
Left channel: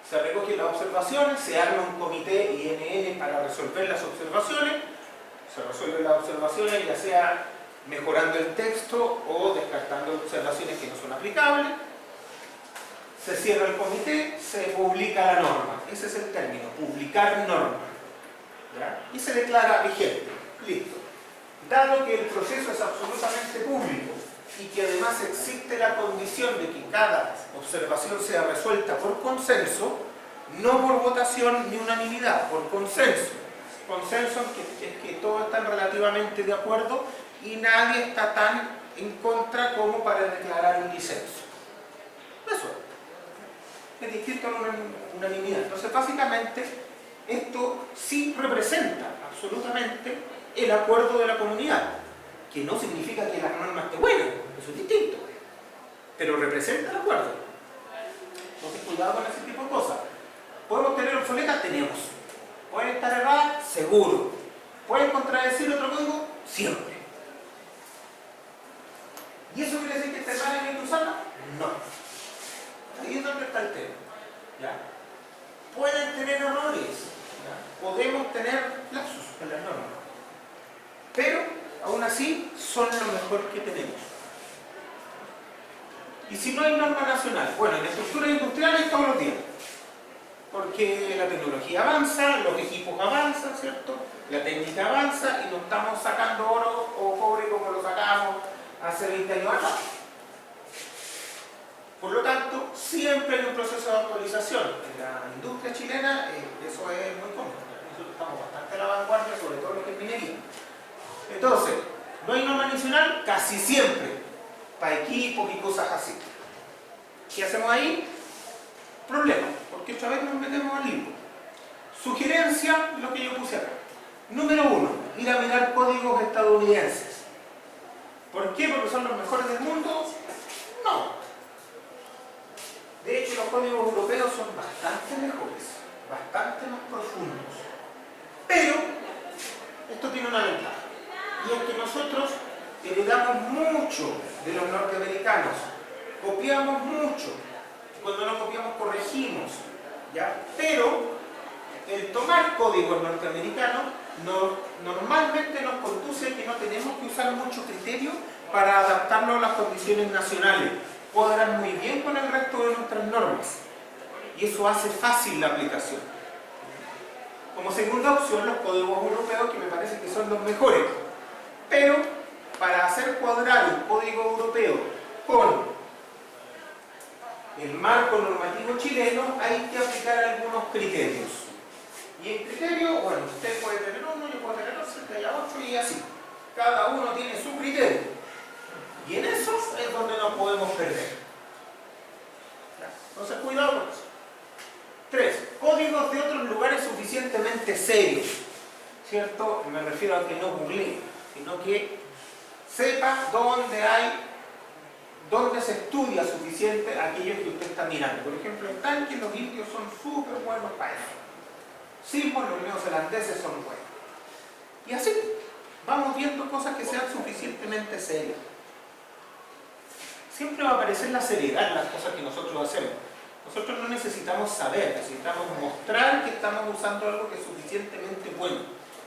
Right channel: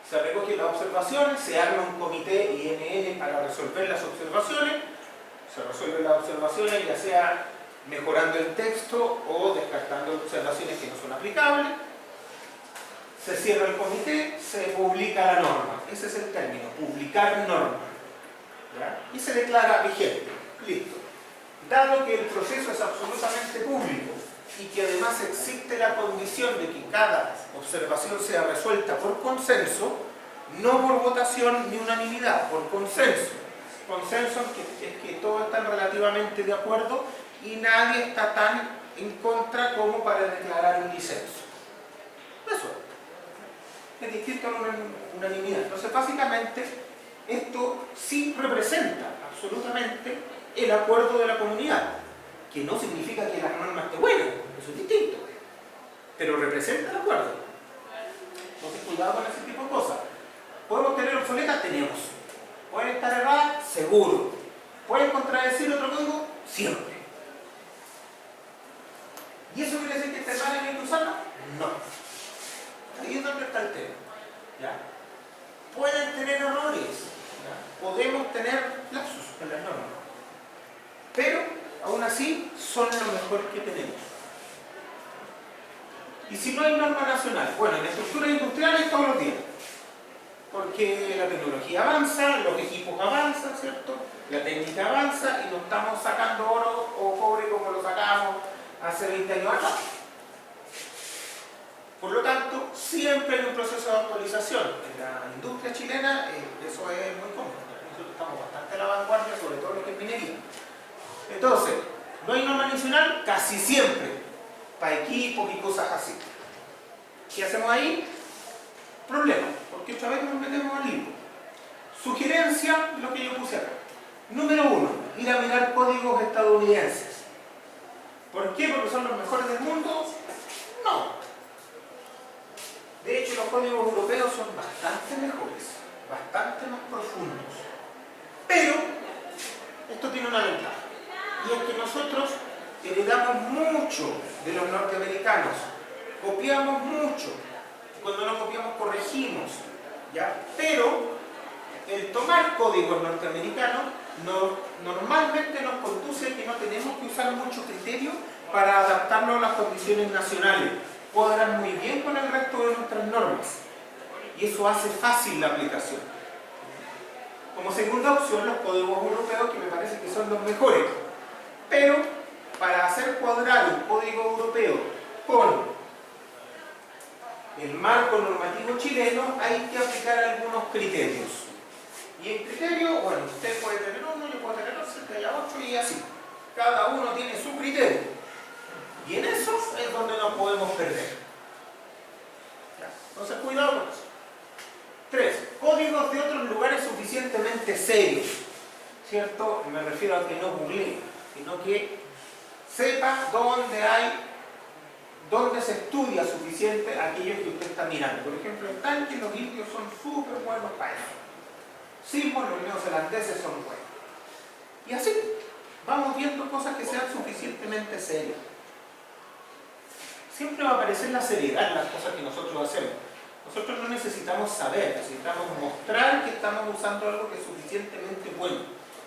Se recogen las observaciones, se arma un comité INN para resolver las observaciones, se resuelven las observaciones ya sea mejorando el texto o descartando observaciones que no son aplicables. Se cierra el comité, se publica la norma. Ese es el término, publicar norma. ¿Ya? Y se declara vigente. Listo. Dado que el proceso es absolutamente público y que además existe la condición de que cada observación sea resuelta por consenso, no por votación ni unanimidad, por consenso. Consenso es que todos están relativamente de acuerdo y nadie está tan en contra como para declarar un disenso. Eso es distinto a una unanimidad. Entonces, básicamente, esto sí representa absolutamente el acuerdo de la comunidad, que no significa que la norma esté buena, eso es distinto, pero representa el acuerdo. Entonces, cuidado con ese tipo de cosas. ¿Podemos tener obsoletas? Tenemos. ¿Pueden estar erradas? Seguro. ¿Pueden contradecir otro código? Siempre. ¿Y eso quiere decir que esté errada y hay que usarla? No. Ahí es donde está el tema. ¿Ya? Pueden tener errores. ¿Ya? Podemos tener lapsus en las normas. Pero, aún así, son lo mejor que tenemos. Y si no hay norma nacional, bueno, en la estructura industrial hay todos los días. Porque la tecnología avanza, los equipos avanzan, ¿cierto? La técnica avanza y no estamos sacando oro o cobre como lo sacábamos hace 20 años atrás. Por lo tanto, siempre hay un proceso de actualización. En la industria chilena eso es muy común. Nosotros estamos bastante a la vanguardia, sobre todo lo que es minería. Entonces, no hay norma nacional casi siempre, para equipos y cosas así. ¿Qué hacemos ahí? Problema, porque otra vez nos metemos al libro. Sugerencia, lo que yo puse acá. Número 1, ir a mirar códigos estadounidenses. ¿Por qué? ¿Porque son los mejores del mundo? No. De hecho, los códigos europeos son bastante mejores, bastante más profundos. Pero, esto tiene una ventaja. Y es que nosotros heredamos mucho de los norteamericanos. Copiamos mucho. Cuando no copiamos, corregimos. ¿Ya? Pero, el tomar códigos norteamericanos normalmente nos conduce a que no tenemos que usar mucho criterio para adaptarlo a las condiciones nacionales. Cuadran muy bien con el resto de nuestras normas. Y eso hace fácil la aplicación. Como segunda opción, los códigos europeos, que me parece que son los mejores. Pero, para hacer cuadrar un código europeo con el marco normativo chileno, hay que aplicar algunos criterios. Y el criterio, bueno, usted puede tener uno, yo puedo tener otro, que haya 8 y así. Cada uno tiene su criterio. Y en eso es donde nos podemos perder. Entonces, cuidado con eso. 3. Códigos de otros lugares suficientemente serios. ¿Cierto? Me refiero a que no googlee, sino que sepa dónde se estudia suficiente aquello que usted está mirando. Por ejemplo, en Tanque los indios son súper buenos para eso. Sismos, los neozelandeses son buenos. Y así, vamos viendo cosas que sean suficientemente serias. Siempre va a aparecer la seriedad en las cosas que nosotros hacemos. Nosotros no necesitamos saber, necesitamos mostrar que estamos usando algo que es suficientemente bueno.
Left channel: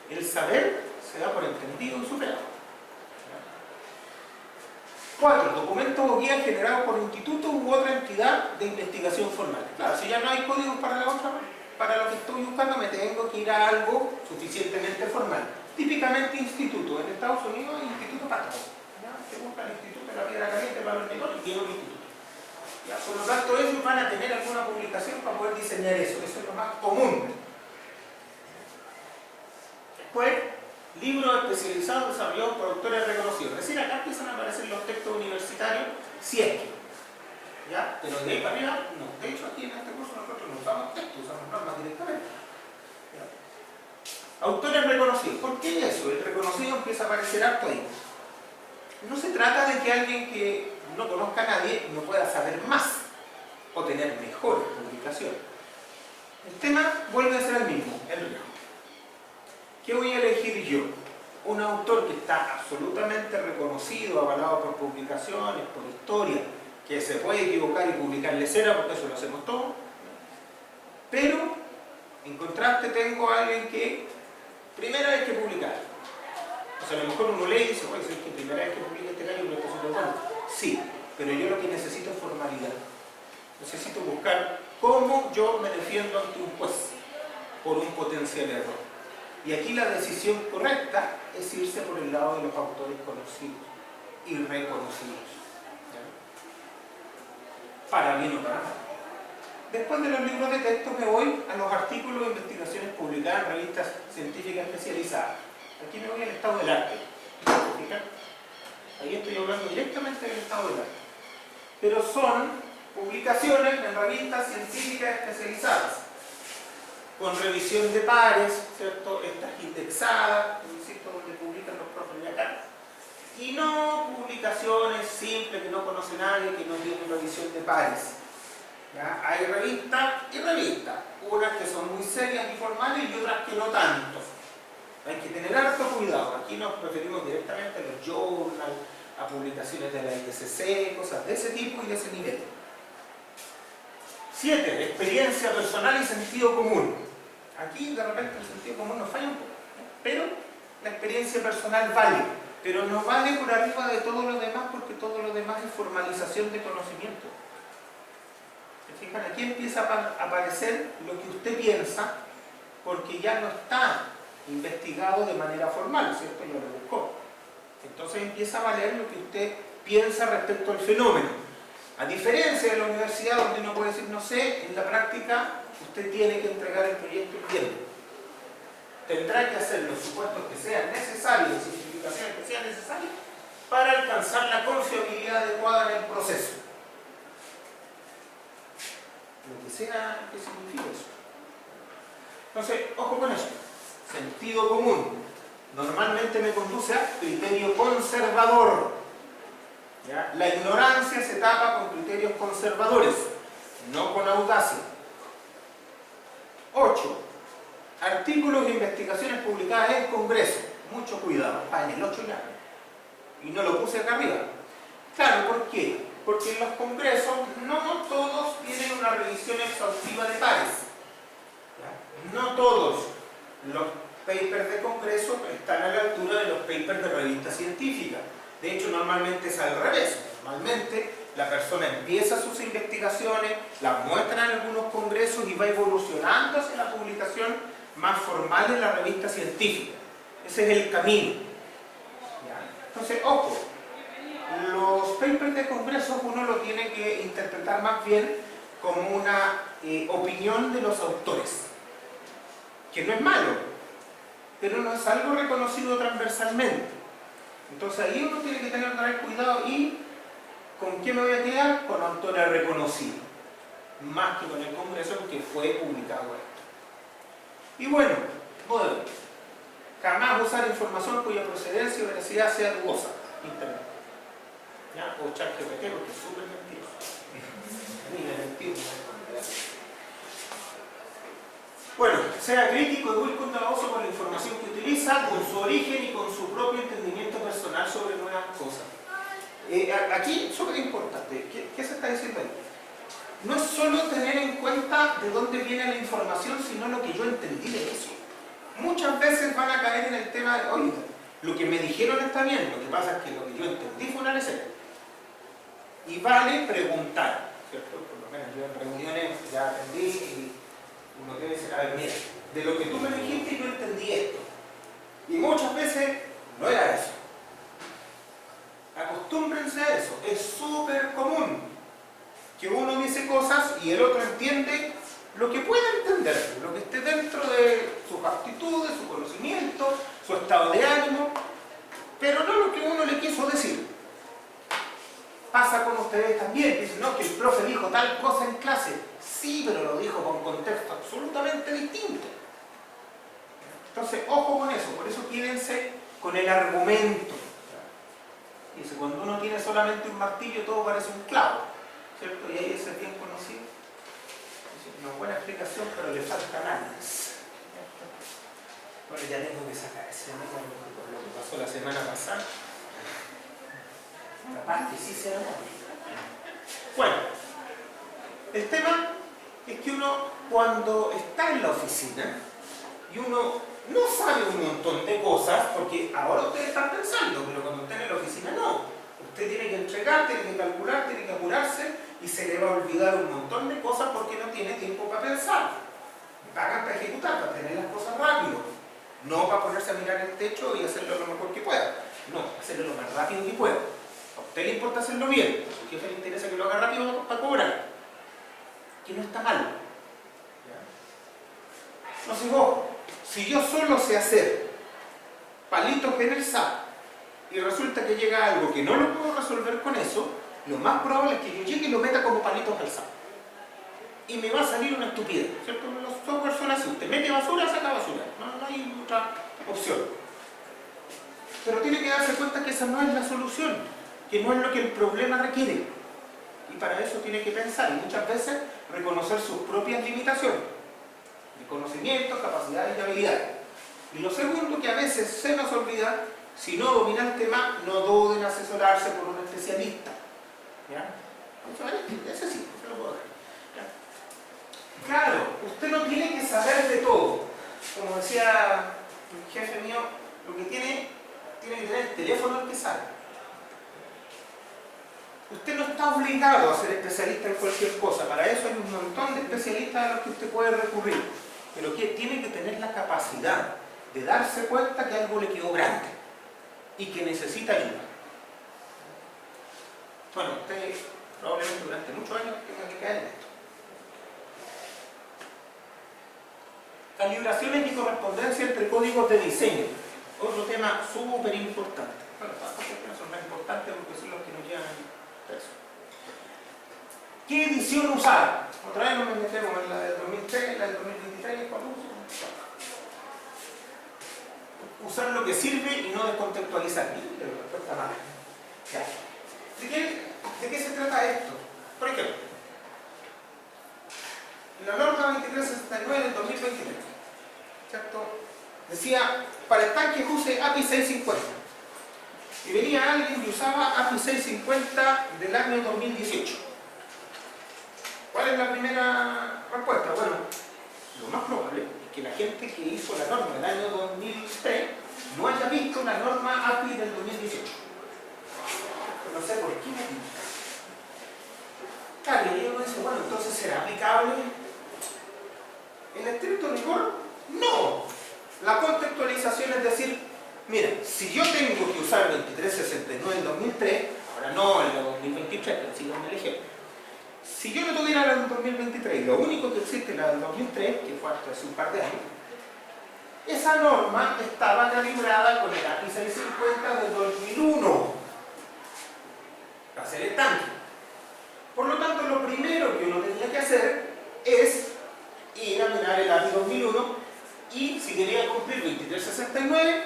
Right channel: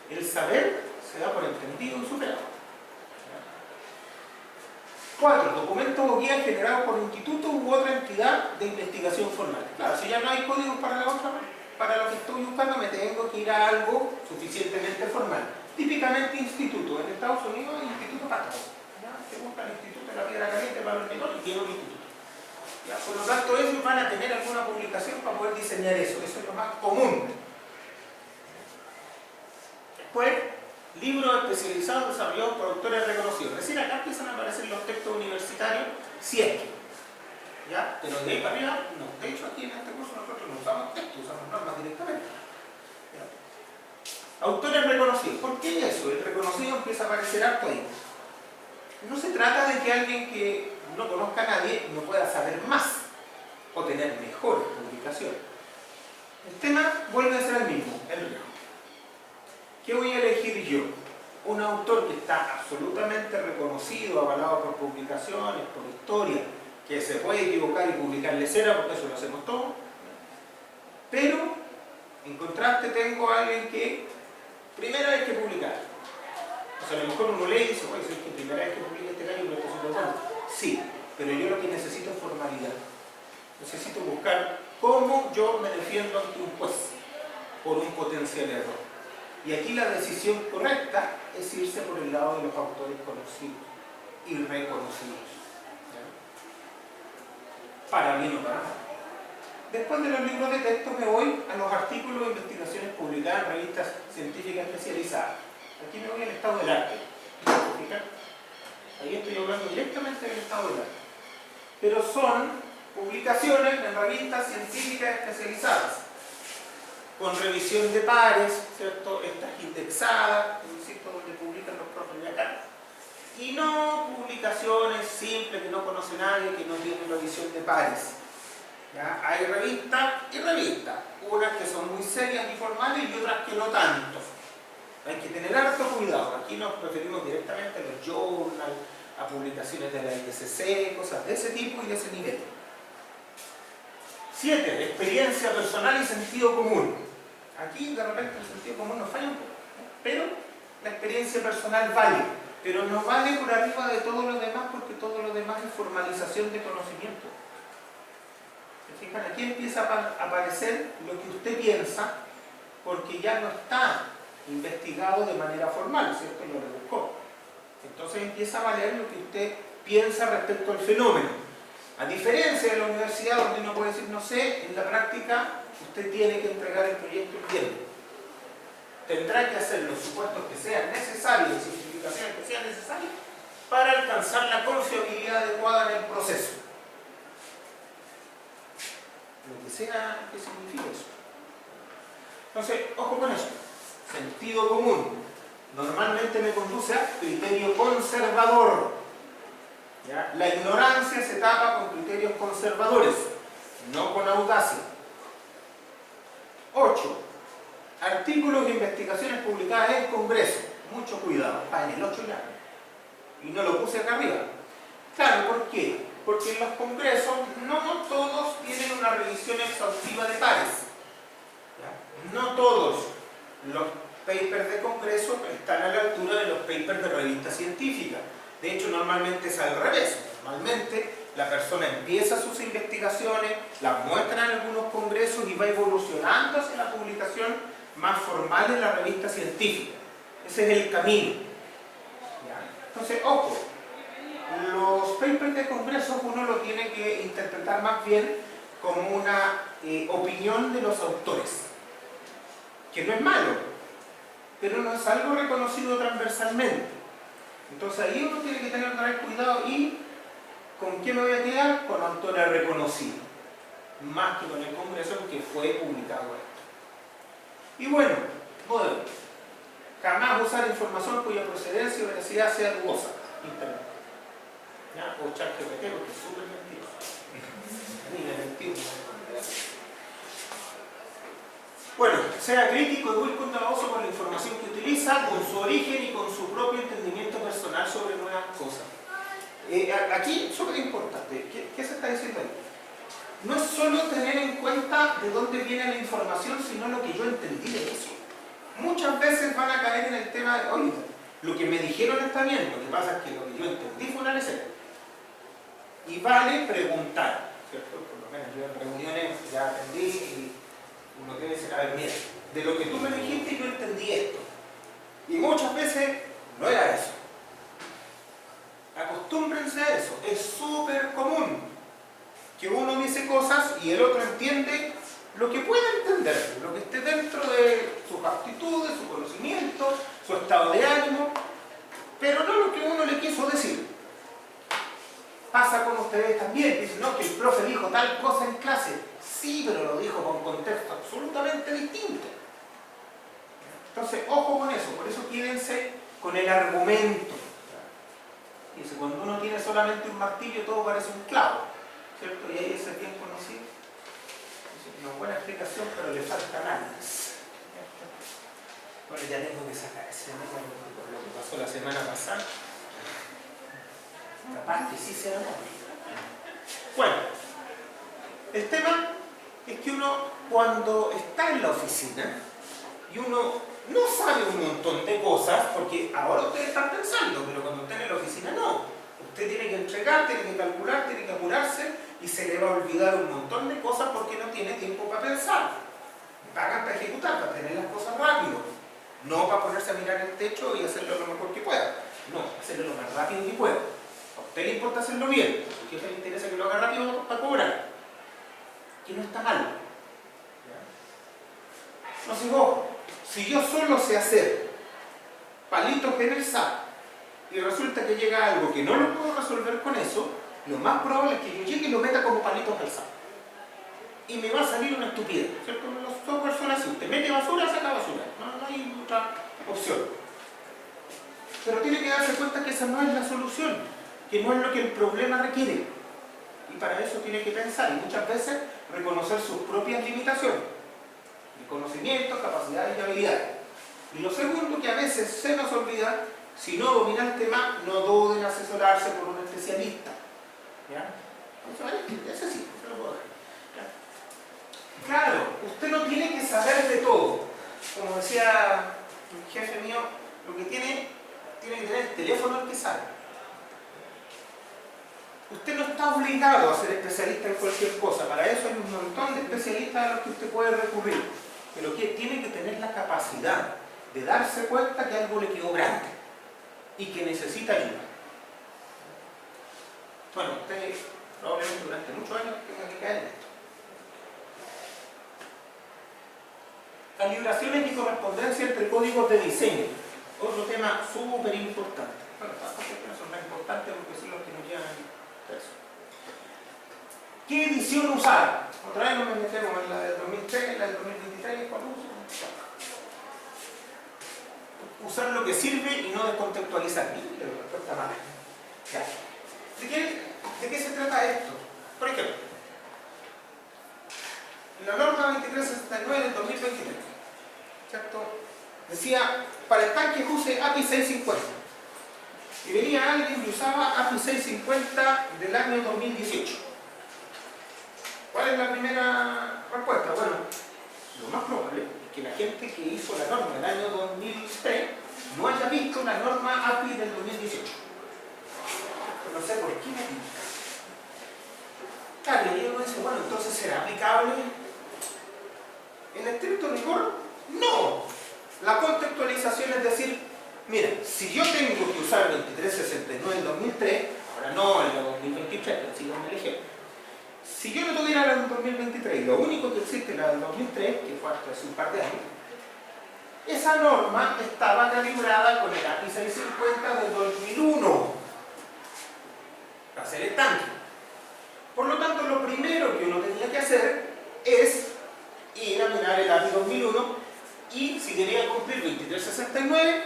El saber se da por entendido y superado. 4. Documentos o guías generados por instituto u otra entidad de investigación formal. Claro, si ya no hay códigos para la otra, para lo que estoy buscando, me tengo que ir a algo suficientemente formal. Típicamente instituto. En Estados Unidos hay instituto para todo. Se busca el instituto de la piedra caliente para el hormigón y tiene un instituto. ¿Ya? Por lo tanto, ellos van a tener alguna publicación para poder diseñar eso. Eso es lo más común. Después, libros especializados desarrollados por autores reconocidos. Es decir, acá empiezan a aparecer los textos universitarios, si es que, ¿ya? Pero de ahí para arriba, no. De hecho, aquí en este curso nosotros no usamos textos, usamos normas directamente. ¿Ya? Autores reconocidos. ¿Por qué eso? El reconocido empieza a aparecer harto ahí. No se trata de que alguien que no conozca a nadie no pueda saber más o tener mejores publicaciones. El tema vuelve a ser el mismo, el riesgo. ¿Qué voy a elegir yo? Un autor que está absolutamente reconocido, avalado por publicaciones, por historia, que se puede equivocar y publicarle cera, porque eso lo hacemos todos. Pero, en contraste, tengo a alguien que primera vez que publicar. O sea, a lo mejor uno lee y dice, oye, ¿sabes que primera vez que publica este gallo lo está haciendo bueno? Sí, pero yo lo que necesito es formalidad. Necesito buscar cómo yo me defiendo ante un juez por un potencial error. Y aquí la decisión correcta es irse por el lado de los autores conocidos y reconocidos. ¿Ya? Para bien o para mal. Después de los libros de texto me voy a los artículos e investigaciones publicadas en revistas científicas especializadas. Aquí me voy al estado del arte. ¿Fijan? Ahí estoy hablando directamente del estado del arte. Pero son publicaciones en revistas científicas especializadas, con revisión de pares, ¿cierto? Estas indexadas, insisto, donde publican los profes de acá. Y no publicaciones simples que no conoce nadie, que no tienen revisión de pares. ¿Ya? Hay revistas y revistas, unas que son muy serias y formales y otras que no tanto. Hay que tener harto cuidado. Aquí nos referimos directamente a los journals, a publicaciones de la ISC, cosas de ese tipo y de ese nivel. 7. Experiencia personal y sentido común. Aquí de repente el sentido común nos falla un poco, pero la experiencia personal vale, pero no vale por arriba de todo lo demás, porque todo lo demás es formalización de conocimiento. ¿Se fijan? Aquí empieza a aparecer lo que usted piensa, porque ya no está investigado de manera formal, ¿cierto? Lo rebuscó. Entonces empieza a valer lo que usted piensa respecto al fenómeno. A diferencia de la universidad, donde uno puede decir, no sé, en la práctica usted tiene que entregar el proyecto el viernes. Tendrá que hacer los supuestos que sean necesarios, las simplificaciones que sean necesarias, para alcanzar la confiabilidad adecuada en el proceso. Lo que sea que signifique eso. Entonces, ojo con eso. Sentido común. Normalmente me conduce a criterio conservador. ¿Ya? La ignorancia se tapa con criterios conservadores, no con audacia. 8. Artículos e investigaciones publicadas en Congreso. Mucho cuidado, está en el 8 ya. Y no lo puse acá arriba. Claro, ¿por qué? Porque en los congresos no todos tienen una revisión exhaustiva de pares. ¿Ya? No todos los papers de congreso están a la altura de los papers de revista científica. De hecho, normalmente es al revés. Normalmente la persona empieza sus investigaciones, las muestra en algunos congresos y va evolucionando hacia la publicación más formal en la revista científica. Ese es el camino. ¿Ya? Entonces, ojo, los papers de congresos uno lo tiene que interpretar más bien como una opinión de los autores, que no es malo, pero no es algo reconocido transversalmente. Entonces ahí uno tiene que tener cuidado y ¿con qué me voy a quedar? Con autores reconocidos, más que con el congreso en que fue publicado esto. Y bueno, modelo. Jamás usar información cuya procedencia o veracidad sea dudosa. Internet. ¿Ya? O ChatGPT, porque es súper mentiroso. Mira, mentiroso. Bueno, sea crítico y muy cuidadoso con la información que utiliza, con su origen y con su propio entendimiento personal sobre nuevas cosas. Aquí, súper importante, ¿qué se está diciendo ahí? No es solo tener en cuenta de dónde viene la información, sino lo que yo entendí de eso. Muchas veces van a caer en el tema de, oye, lo que me dijeron está bien, lo que pasa es que lo que yo entendí fue una lecera. Y vale preguntar, ¿cierto? Por lo menos yo en reuniones ya aprendí y uno debe decir, a ver, mira, de lo que tú me dijiste yo entendí esto. Y muchas veces no era eso. Acostúmbrense a eso, es súper común que uno dice cosas y el otro entiende lo que pueda entender, lo que esté dentro de sus aptitudes, su conocimiento, su estado de ánimo, pero no lo que uno le quiso decir. Pasa como ustedes también, dicen, no, que el profe dijo tal cosa en clase. Sí, pero lo dijo con contexto absolutamente distinto. Entonces, ojo con eso, por eso quédense con el argumento. Dice, cuando uno tiene solamente un martillo, todo parece un clavo, ¿cierto? Y ahí ese bien conocido. Dice, una buena explicación, pero le faltan años. Bueno, ya tengo que sacar ese por lo que pasó la semana pasada. Capaz que sí sea bueno. Bueno, el tema es que uno cuando está en la oficina y uno no sabe un montón de cosas, porque ahora ustedes están pensando, pero cuando estén en la oficina no. Usted tiene que entregar, tiene que calcular, tiene que apurarse y se le va a olvidar un montón de cosas porque no tiene tiempo para pensar. Pagan para ejecutar, para tener las cosas rápido. No para ponerse a mirar el techo y hacerlo lo mejor que pueda. No, hacerlo lo más rápido que pueda. A usted le importa hacerlo bien, a su jefe le interesa que lo haga rápido para cobrar. Que no está mal. No sé vos, si yo solo sé hacer palitos en el SAP y resulta que llega algo que no lo puedo resolver con eso, lo más probable es que yo llegue y lo meta como palitos al SAP. Y me va a salir una estupidez, ¿cierto? Los software son así, usted mete basura, saca basura. No hay otra opción. Pero tiene que darse cuenta que esa no es la solución, que no es lo que el problema requiere. Y para eso tiene que pensar y muchas veces reconocer sus propias limitaciones de conocimiento, capacidades y habilidades. Y lo segundo, que a veces se nos olvida, si no domina el tema, no duden en asesorarse por un especialista. ¿Ya? Ese sí, se lo puedo dar. Claro, usted no tiene que saber de todo. Como decía el jefe mío, lo que tiene que tener el teléfono al que sabe. Usted no está obligado a ser especialista en cualquier cosa. Para eso hay un montón de especialistas a los que usted puede recurrir. Pero que tiene que tener la capacidad de darse cuenta que algo le quedó grande y que necesita ayuda. Bueno, usted probablemente durante muchos años tenga que caer en esto. Calibraciones y correspondencia entre códigos de diseño. Otro tema súper importante. Bueno, todas estas cuestiones son más importantes porque son los que nos llevan a eso. ¿Qué edición usar? Otra vez nos metemos en la del 2003, en la del 2023, ¿cuál uso? Usar lo que sirve y no descontextualizar. Pero la respuesta mala. ¿De qué se trata esto? Por ejemplo, la norma 2369 del 2023, ¿cierto? Decía, para estanques use API 650. Y venía alguien y usaba API 650 del año 2018. ¿Cuál es la primera respuesta? Bueno, lo más probable es que la gente que hizo la norma del año 2003 no haya visto la norma API del 2018. Pero no sé por qué me pinta. Claro, y uno dice, bueno, entonces ¿será aplicable? En estricto rigor, no. La contextualización es decir, mira, si yo tengo que usar 2369 en 2003, ahora no en el 2023, pero sigo en el ejemplo. Si yo no tuviera la del 2023 y lo único que existe es la del 2003, que fue hasta hace un par de años, esa norma estaba calibrada con el API 650 del 2001 para hacer estanque. Por lo tanto, lo primero que uno tenía que hacer es ir a mirar el API 2001 y si quería cumplir 2369,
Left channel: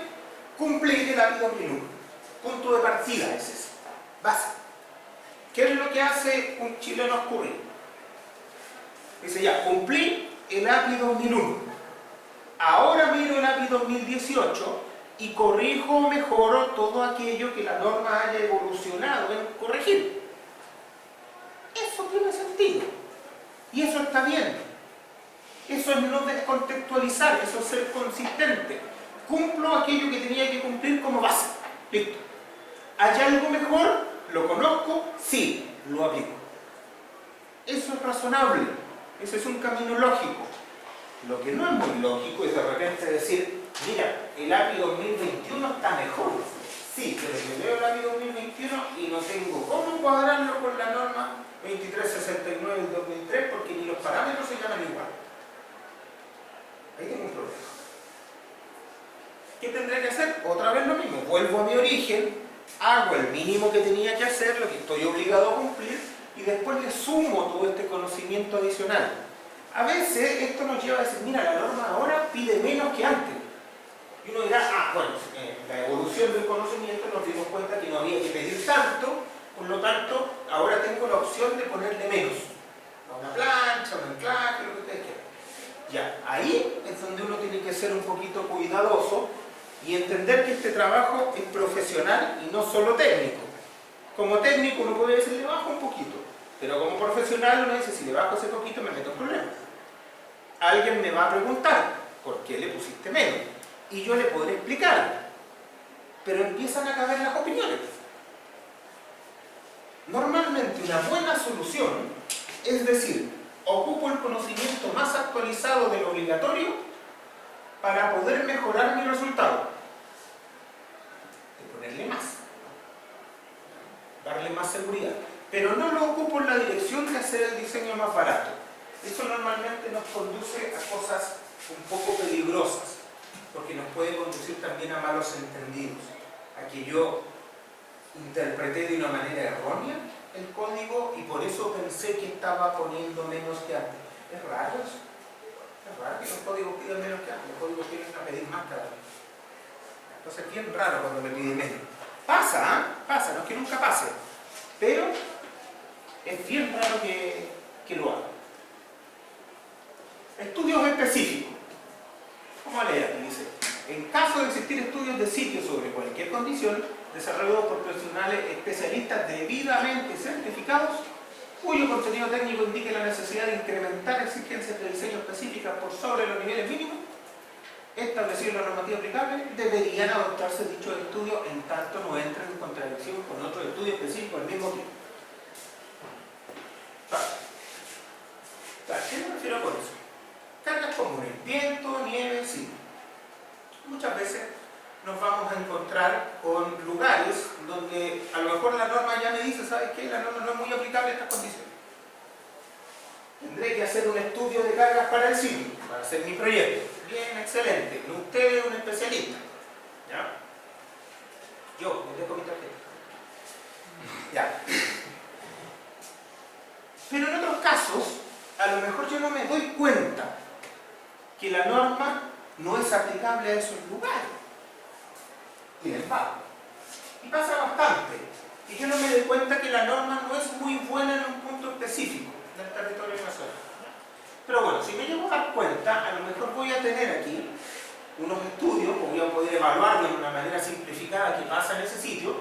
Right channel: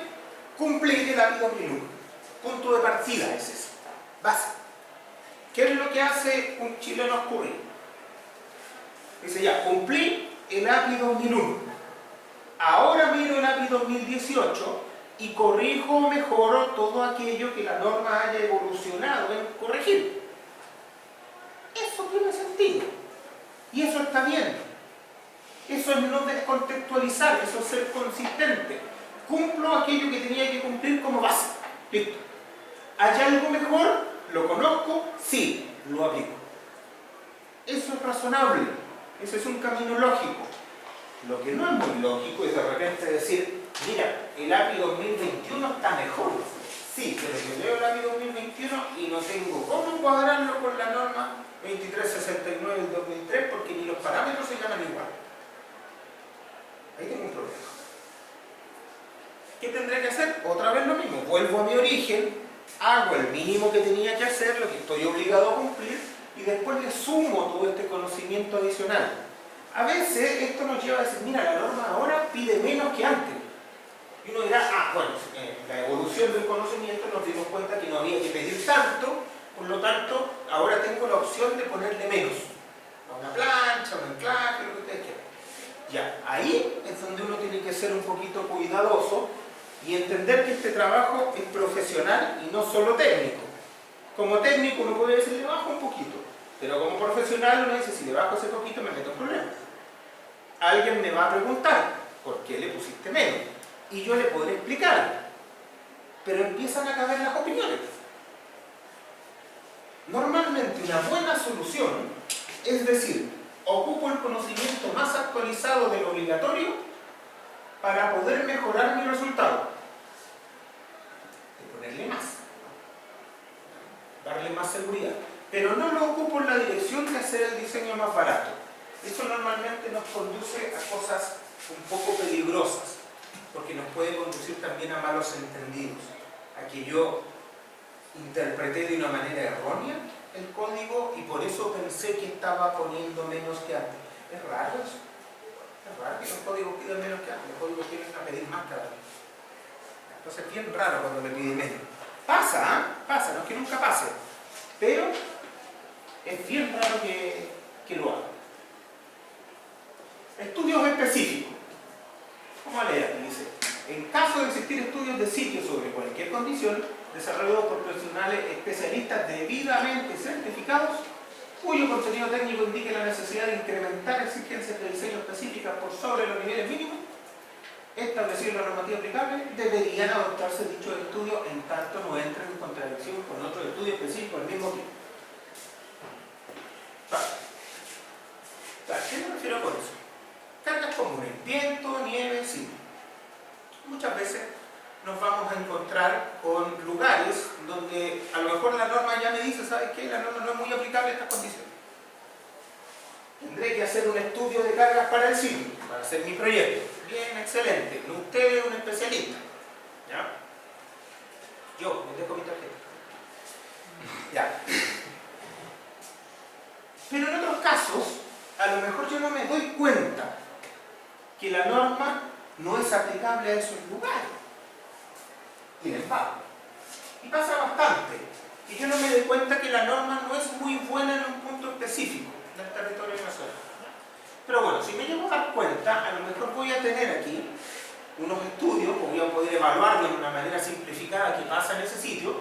cumplir el API 2001. Punto de partida es ese, base. ¿Qué es lo que hace un chileno ocurrir? Dice ya, cumplí el API 2001. Ahora miro el API 2018 y corrijo o mejoro todo aquello que la norma haya evolucionado en corregir. Eso tiene sentido. Y eso está bien. Eso es no descontextualizar, eso es ser consistente. Cumplo aquello que tenía que cumplir como base. Listo. ¿Hay algo mejor? ¿Lo conozco? Sí, lo aplico. Eso es razonable. Ese es un camino lógico. Lo que no es muy lógico es de repente decir, mira, el API 2021 está mejor. Sí, pero yo leo el API 2021 y no tengo cómo cuadrarlo con la norma 2369 del 2003 porque ni los parámetros se llaman igual. Ahí tengo un problema. ¿Qué tendré que hacer? Otra vez lo mismo, vuelvo a mi origen, hago el mínimo que tenía que hacer, lo que estoy obligado a cumplir, y después le sumo todo este conocimiento adicional. A veces esto nos lleva a decir, mira, la norma ahora pide menos que antes. Y uno dirá, bueno, la evolución del conocimiento nos dimos cuenta que no había que pedir tanto, por lo tanto, ahora tengo la opción de ponerle menos. A una plancha, un anclaje, lo que ustedes quieran. Ya, ahí es donde uno tiene que ser un poquito cuidadoso y entender que este trabajo es profesional y no solo técnico. Como técnico uno puede decir, le bajo un poquito, pero como profesional uno dice, si le bajo ese poquito me meto en problemas. Alguien me va a preguntar, ¿por qué le pusiste menos? Y yo le podré explicar, pero empiezan a caber las opiniones. Normalmente una buena solución es decir, ocupo el conocimiento más actualizado del obligatorio para poder mejorar mi resultado. De ponerle más, darle más seguridad. Pero no lo ocupo en la dirección de hacer el diseño más barato. Eso normalmente nos conduce a cosas un poco peligrosas, porque nos puede conducir también a malos entendidos, a que yo interpreté de una manera errónea el código y por eso pensé que estaba poniendo menos que antes. Es raro eso. Es raro que los códigos pidan menos que antes. Los códigos tienen a pedir más cada vez. Entonces es bien raro cuando me pide menos. Pasa, ¿eh? Pasa, no es que nunca pase. Pero es bien raro que lo haga. Estudios específicos. Vamos a leer aquí, dice. En caso de existir estudios de sitio sobre cualquier condición, desarrollados por profesionales especialistas debidamente certificados, cuyo contenido técnico indique la necesidad de incrementar exigencias de diseño específicas por sobre los niveles mínimos establecidos en la normativa aplicable, deberían adoptarse dichos estudios en tanto no entren en contradicción con otros estudios específicos al mismo tiempo. ¿Qué me refiero con eso? Cargas comunes, viento, nieve, sí. Muchas veces nos vamos a encontrar con lugares donde a lo mejor la norma ya me dice, ¿sabes qué? La norma no es muy aplicable a estas condiciones. Tendré que hacer un estudio de cargas para el sitio, para hacer mi proyecto. Bien, excelente. Usted es un especialista. ¿Ya? Yo, me dejo mi tarjeta. Ya. Pero en otros casos, a lo mejor yo no me doy cuenta que la norma no es aplicable a esos lugares. Y les va. Y pasa bastante. Y yo no me doy cuenta que la norma no es muy buena en un punto específico del territorio nacional. Pero bueno, si me llego a dar cuenta, a lo mejor voy a tener aquí unos estudios, o voy a poder evaluarlo de una manera simplificada que pasa en ese sitio,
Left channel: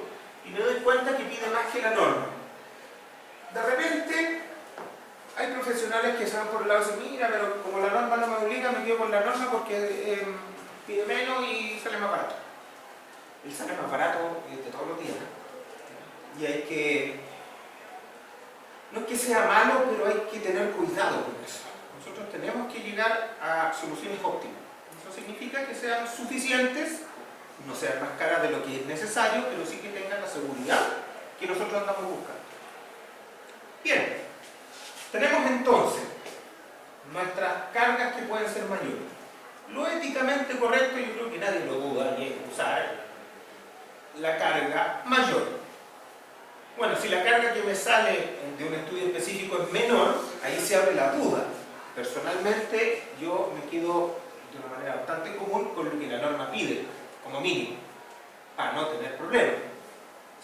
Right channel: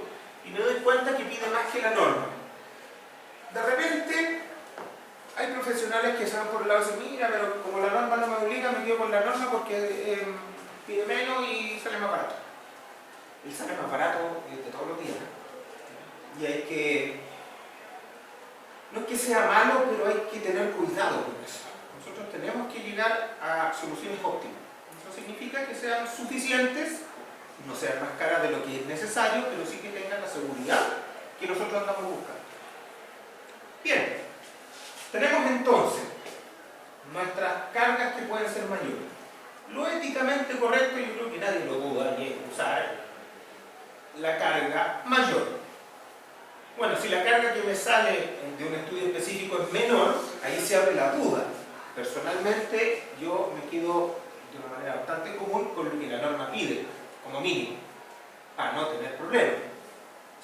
y me doy cuenta que pide más que la norma. De repente, hay profesionales que se van por el lado y dicen, mira, pero como la norma no me obliga, me quedo con la norma porque pide menos y sale más barato. El sale más barato de todos los días. Y hay que... No es que sea malo, pero hay que tener cuidado con eso. Nosotros tenemos que llegar a soluciones óptimas. Eso significa que sean suficientes, no sean más caras de lo que es necesario, pero sí que tengan la seguridad que nosotros andamos buscando. Bien, tenemos entonces nuestras cargas que pueden ser mayores. Lo éticamente correcto, yo creo que nadie lo duda, y es usar la carga mayor. Bueno, si la carga que me sale de un estudio específico es menor, ahí se abre la duda. Personalmente, yo me quedo de una manera bastante común con lo que la norma pide, como mínimo, para no tener problemas.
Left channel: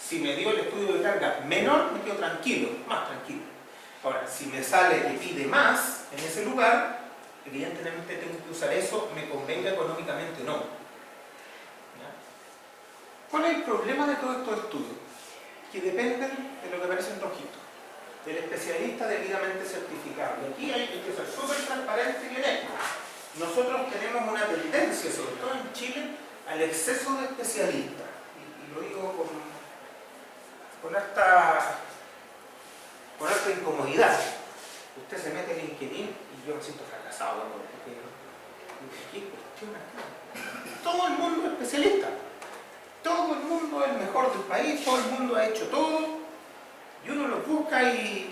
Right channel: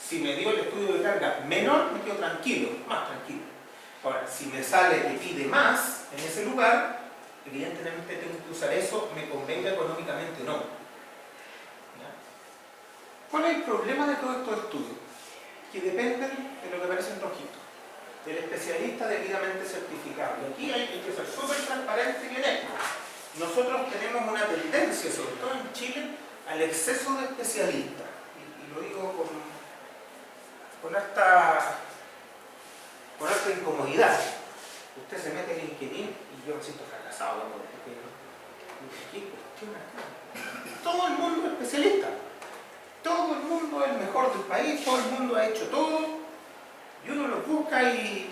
Si me dio el estudio de carga menor, me quedo tranquilo, más tranquilo. Ahora, si me sale que pide más en ese lugar, evidentemente tengo que usar eso, me convenga económicamente o no. ¿Ya? ¿Cuál es el problema de todos estos estudios? Que dependen de lo que aparece en rojito, del especialista debidamente certificado. Y aquí hay que ser súper transparente y honesto. Nosotros tenemos una tendencia, sobre todo en Chile, al exceso de especialistas. Y lo digo con harta incomodidad. Usted se mete en LinkedIn y yo me siento fracasado, porque ¿qué cuestión acá? Todo el mundo es especialista. Todo el mundo es el mejor del país, todo el mundo ha hecho todo, y uno lo busca y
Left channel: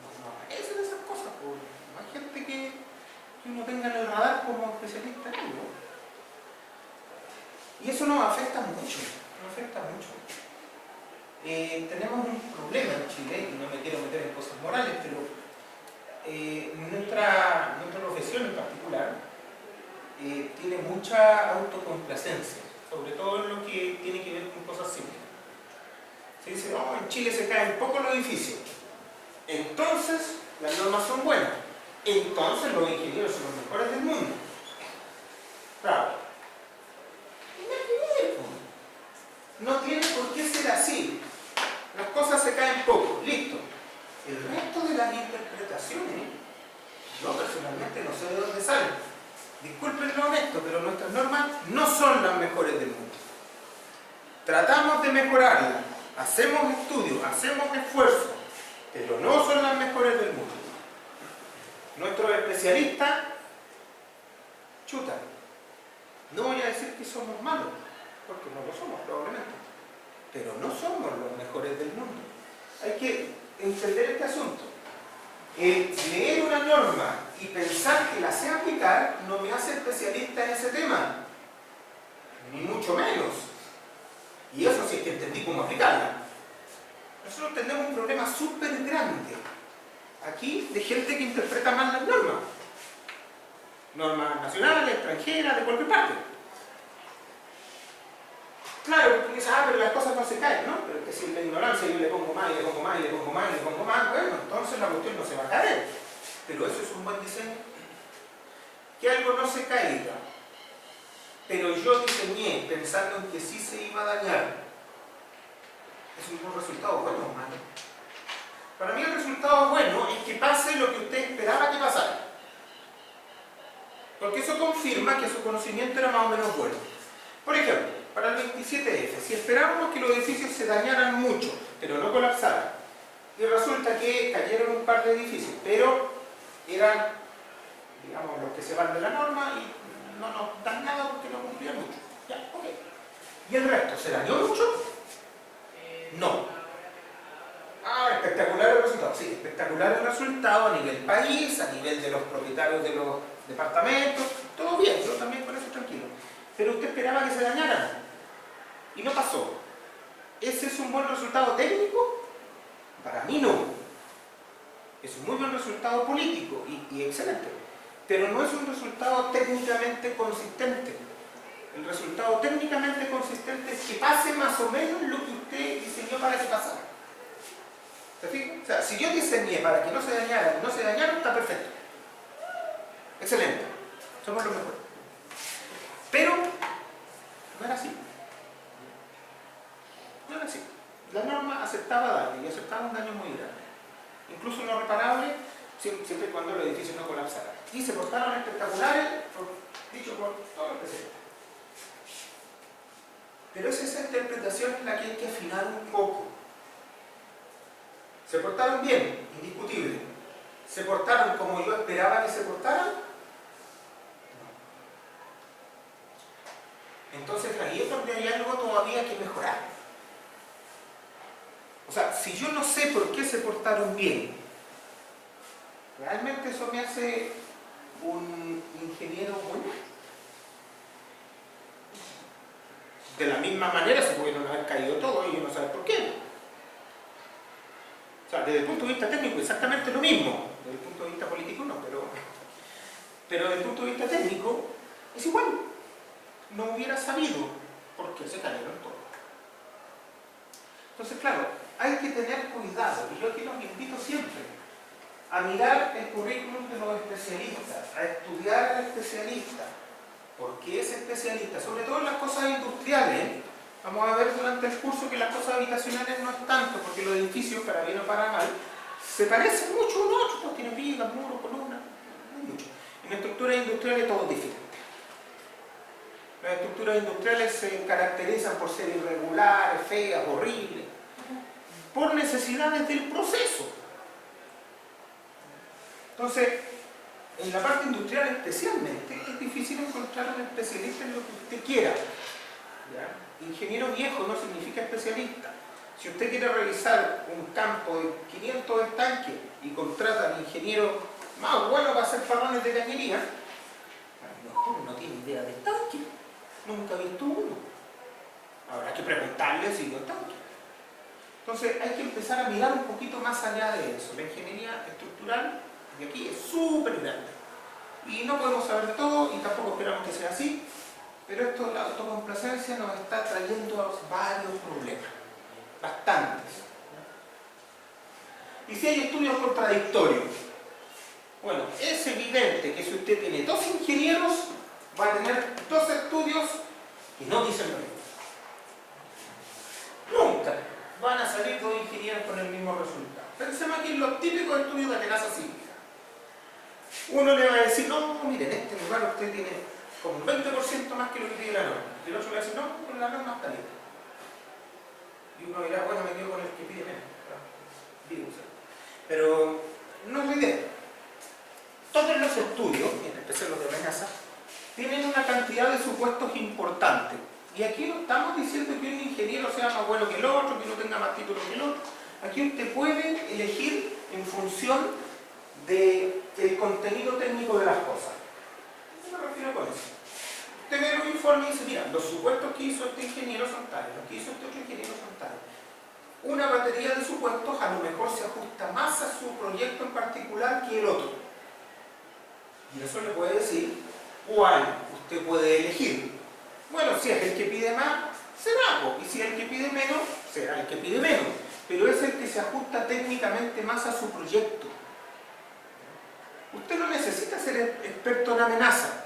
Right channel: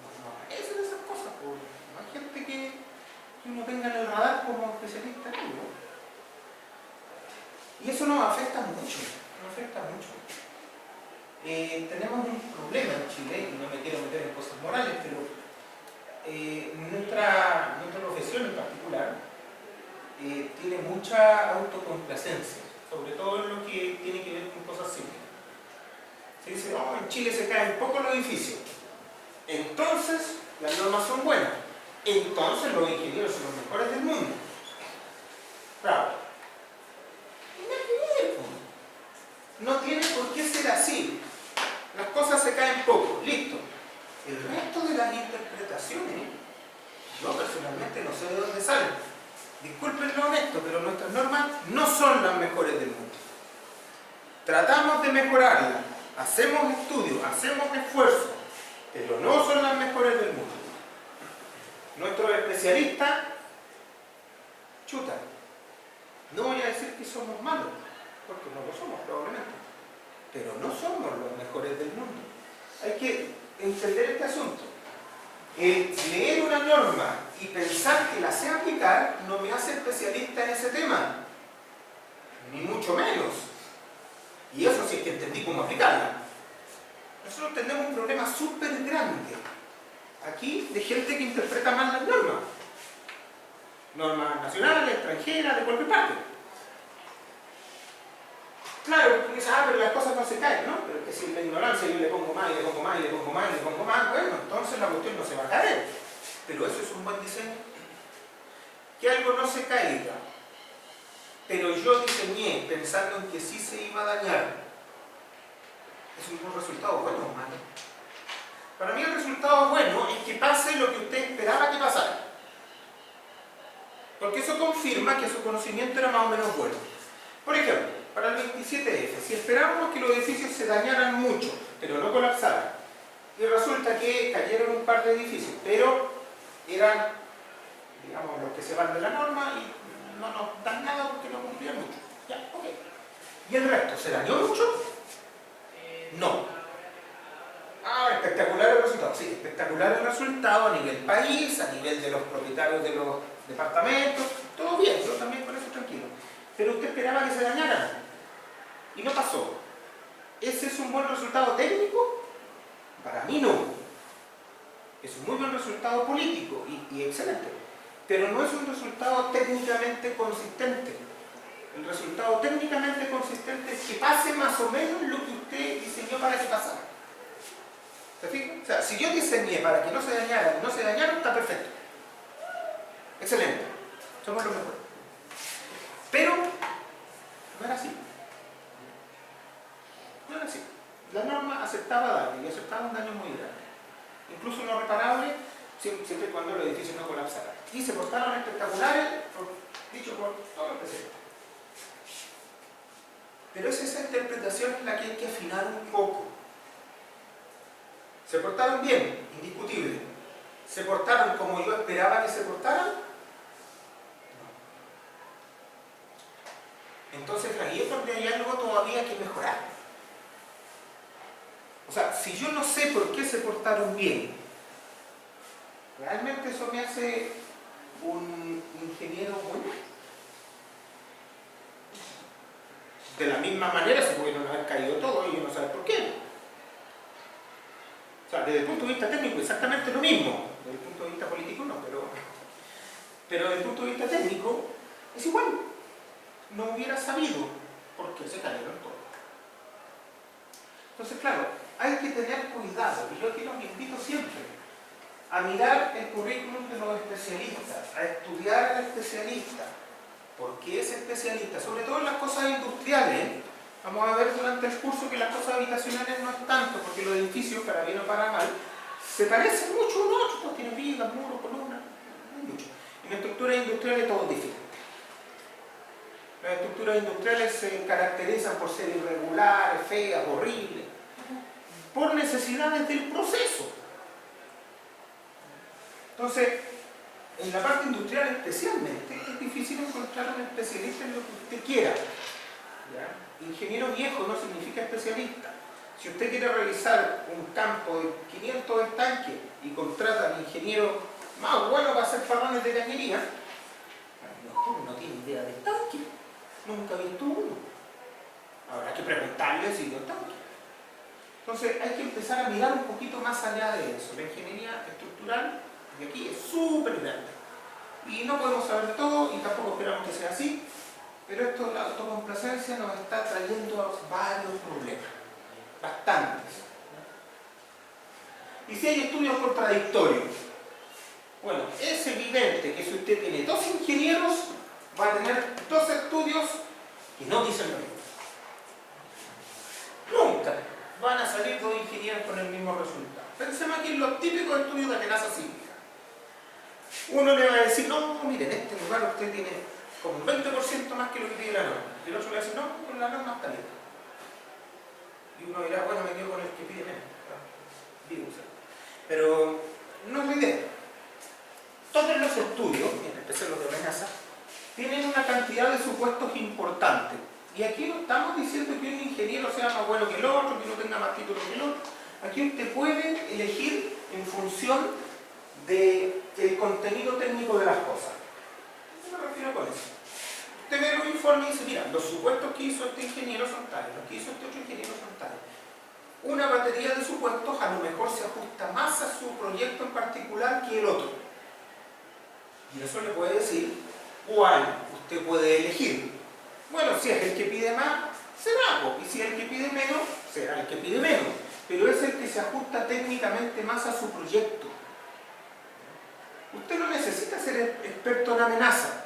no aparecen esas cosas. No hay gente que uno tenga en el radar como especialista en algo. tenemos un problema en Chile, y no me quiero meter en cosas morales, pero nuestra profesión en particular tiene mucha autocomplacencia, sobre todo en lo que tiene que ver con cosas simples. Se dice, no, en Chile se caen poco los edificios, entonces las normas son buenas, entonces los ingenieros son los mejores del mundo. Claro, no tiene por qué ser así. Las cosas se caen poco, listo. El resto de las interpretaciones, yo personalmente no sé de dónde salen. Disculpen lo honesto, pero nuestras normas no son las mejores del mundo. Tratamos de mejorarlas, hacemos estudios, hacemos esfuerzos, pero no son las mejores del mundo. Nuestros especialistas, chuta, no voy a decir que somos malos, porque no lo somos probablemente, pero no somos los mejores del mundo. Hay que entender este asunto. Leer una norma y pensar que la sé aplicar no me hace especialista en ese tema, ni mucho menos. Y eso sí es que entendí cómo aplicarla. Nosotros tenemos un problema súper grande aquí de gente que interpreta mal las normas. Normas nacionales, extranjeras, de cualquier parte. Claro, porque dices, pero las cosas no se caen, ¿no? Pero es que si en la ignorancia yo le pongo más, y le pongo más, y le pongo más, y le pongo más, bueno, entonces la cuestión no se va a caer. Pero eso es un buen diseño. Que algo no se caiga, pero yo diseñé pensando en que sí se iba a dañar. ¿Es un buen resultado bueno o malo? Para mí el resultado bueno es que pase lo que usted esperaba que pasara. Porque eso confirma que su conocimiento era más o menos bueno. Por ejemplo, para el 27F, si esperábamos que los edificios se dañaran mucho, pero no colapsaran, y resulta que cayeron un par de edificios, pero eran, digamos, los que se van de la norma y no nos dan nada porque no cumplían mucho. Ya, ok. ¿Y el resto se dañó mucho? No. Espectacular el resultado. Sí, espectacular el resultado a nivel país, a nivel de los propietarios de los departamentos, todo bien, yo también con eso tranquilo. Pero usted esperaba que se dañaran y no pasó. ¿Ese es un buen resultado técnico? Para mí no. Es un muy buen resultado político y excelente, pero no es un resultado técnicamente consistente. El resultado técnicamente consistente es que pase más o menos lo que usted diseñó para que pasara. ¿Se fija? O sea, si yo diseñé para que no se dañara y no se dañaron, está perfecto. Excelente. Somos los mejores. Pero no era así. No era así. La norma aceptaba daño y aceptaba un daño muy grande. Incluso no reparable, siempre y cuando el edificio no colapsara. Y se portaron espectaculares, dicho por todo el presente. Pero es esa interpretación en la que hay que afinar un poco. ¿Se portaron bien? Indiscutible. ¿Se portaron como yo esperaba que se portaran? No. Entonces ahí es donde hay algo todavía que mejorar. O sea, si yo no sé por qué se portaron bien, ¿realmente eso me hace un ingeniero bueno? De la misma manera se pudieron haber caído todos y yo no sé por qué. O sea, desde el punto de vista técnico exactamente lo mismo. Desde el punto de vista político no, pero desde el punto de vista técnico es igual. No hubiera sabido por qué se cayeron todos. Entonces, claro, hay que tener cuidado, y yo aquí los invito siempre a mirar el currículum de los especialistas, a estudiar al especialista, por qué es especialista, sobre todo en las cosas industriales. Vamos a ver durante el curso que las cosas habitacionales no es tanto, porque los edificios, para bien o para mal, se parecen mucho uno a otro, todos tienen vigas, muros, columnas, no hay mucho. En estructuras industriales todo es diferente. Las estructuras industriales se caracterizan por ser irregulares, feas, horribles, por necesidades del proceso. Entonces, en la parte industrial especialmente, es difícil encontrar un especialista en lo que usted quiera. ¿Ya? Ingeniero viejo no significa especialista. Si usted quiere revisar un campo de 500 estanques y contrata al ingeniero más bueno para hacer parrones de cañería, a lo mejor no tiene idea de estanque, nunca ha visto uno. Habrá que preguntarle si vio estanque. Entonces hay que empezar a mirar un poquito más allá de eso. La ingeniería estructural de aquí es súper grande. Y no podemos saber todo y tampoco esperamos que sea así, pero esto de la autocomplacencia nos está trayendo varios problemas, bastantes. Y si hay estudios contradictorios, bueno, es evidente que si usted tiene dos ingenieros, va a tener dos estudios que no dicen lo mismo. Nunca van a salir dos ingenieros con el mismo resultado. Pensemos aquí en los típicos estudios de amenaza sísmica. Uno le va a decir, no, mire, en este lugar usted tiene como un 20% más que lo que pide la norma. Y el otro le va a decir, no, con la norma está bien. Y uno dirá, bueno, me quedo con el que pide menos. Pero no es la idea. Todos los estudios, en especial los de amenaza, tienen una cantidad de supuestos importantes. Y aquí no estamos diciendo que un ingeniero sea más bueno que el otro, que no tenga más títulos que el otro. Aquí usted puede elegir en función del contenido técnico de las cosas. ¿Qué me refiero con eso? Usted ve un informe y dice, mira, los supuestos que hizo este ingeniero son tales, los que hizo este otro ingeniero son tales. Una batería de supuestos a lo mejor se ajusta más a su proyecto en particular que el otro. Y eso le puede decir cuál usted puede elegir. Bueno, si es el que pide más, será, y si es el que pide menos, será el que pide menos. Pero es el que se ajusta técnicamente más a su proyecto. Usted no necesita ser experto en amenaza,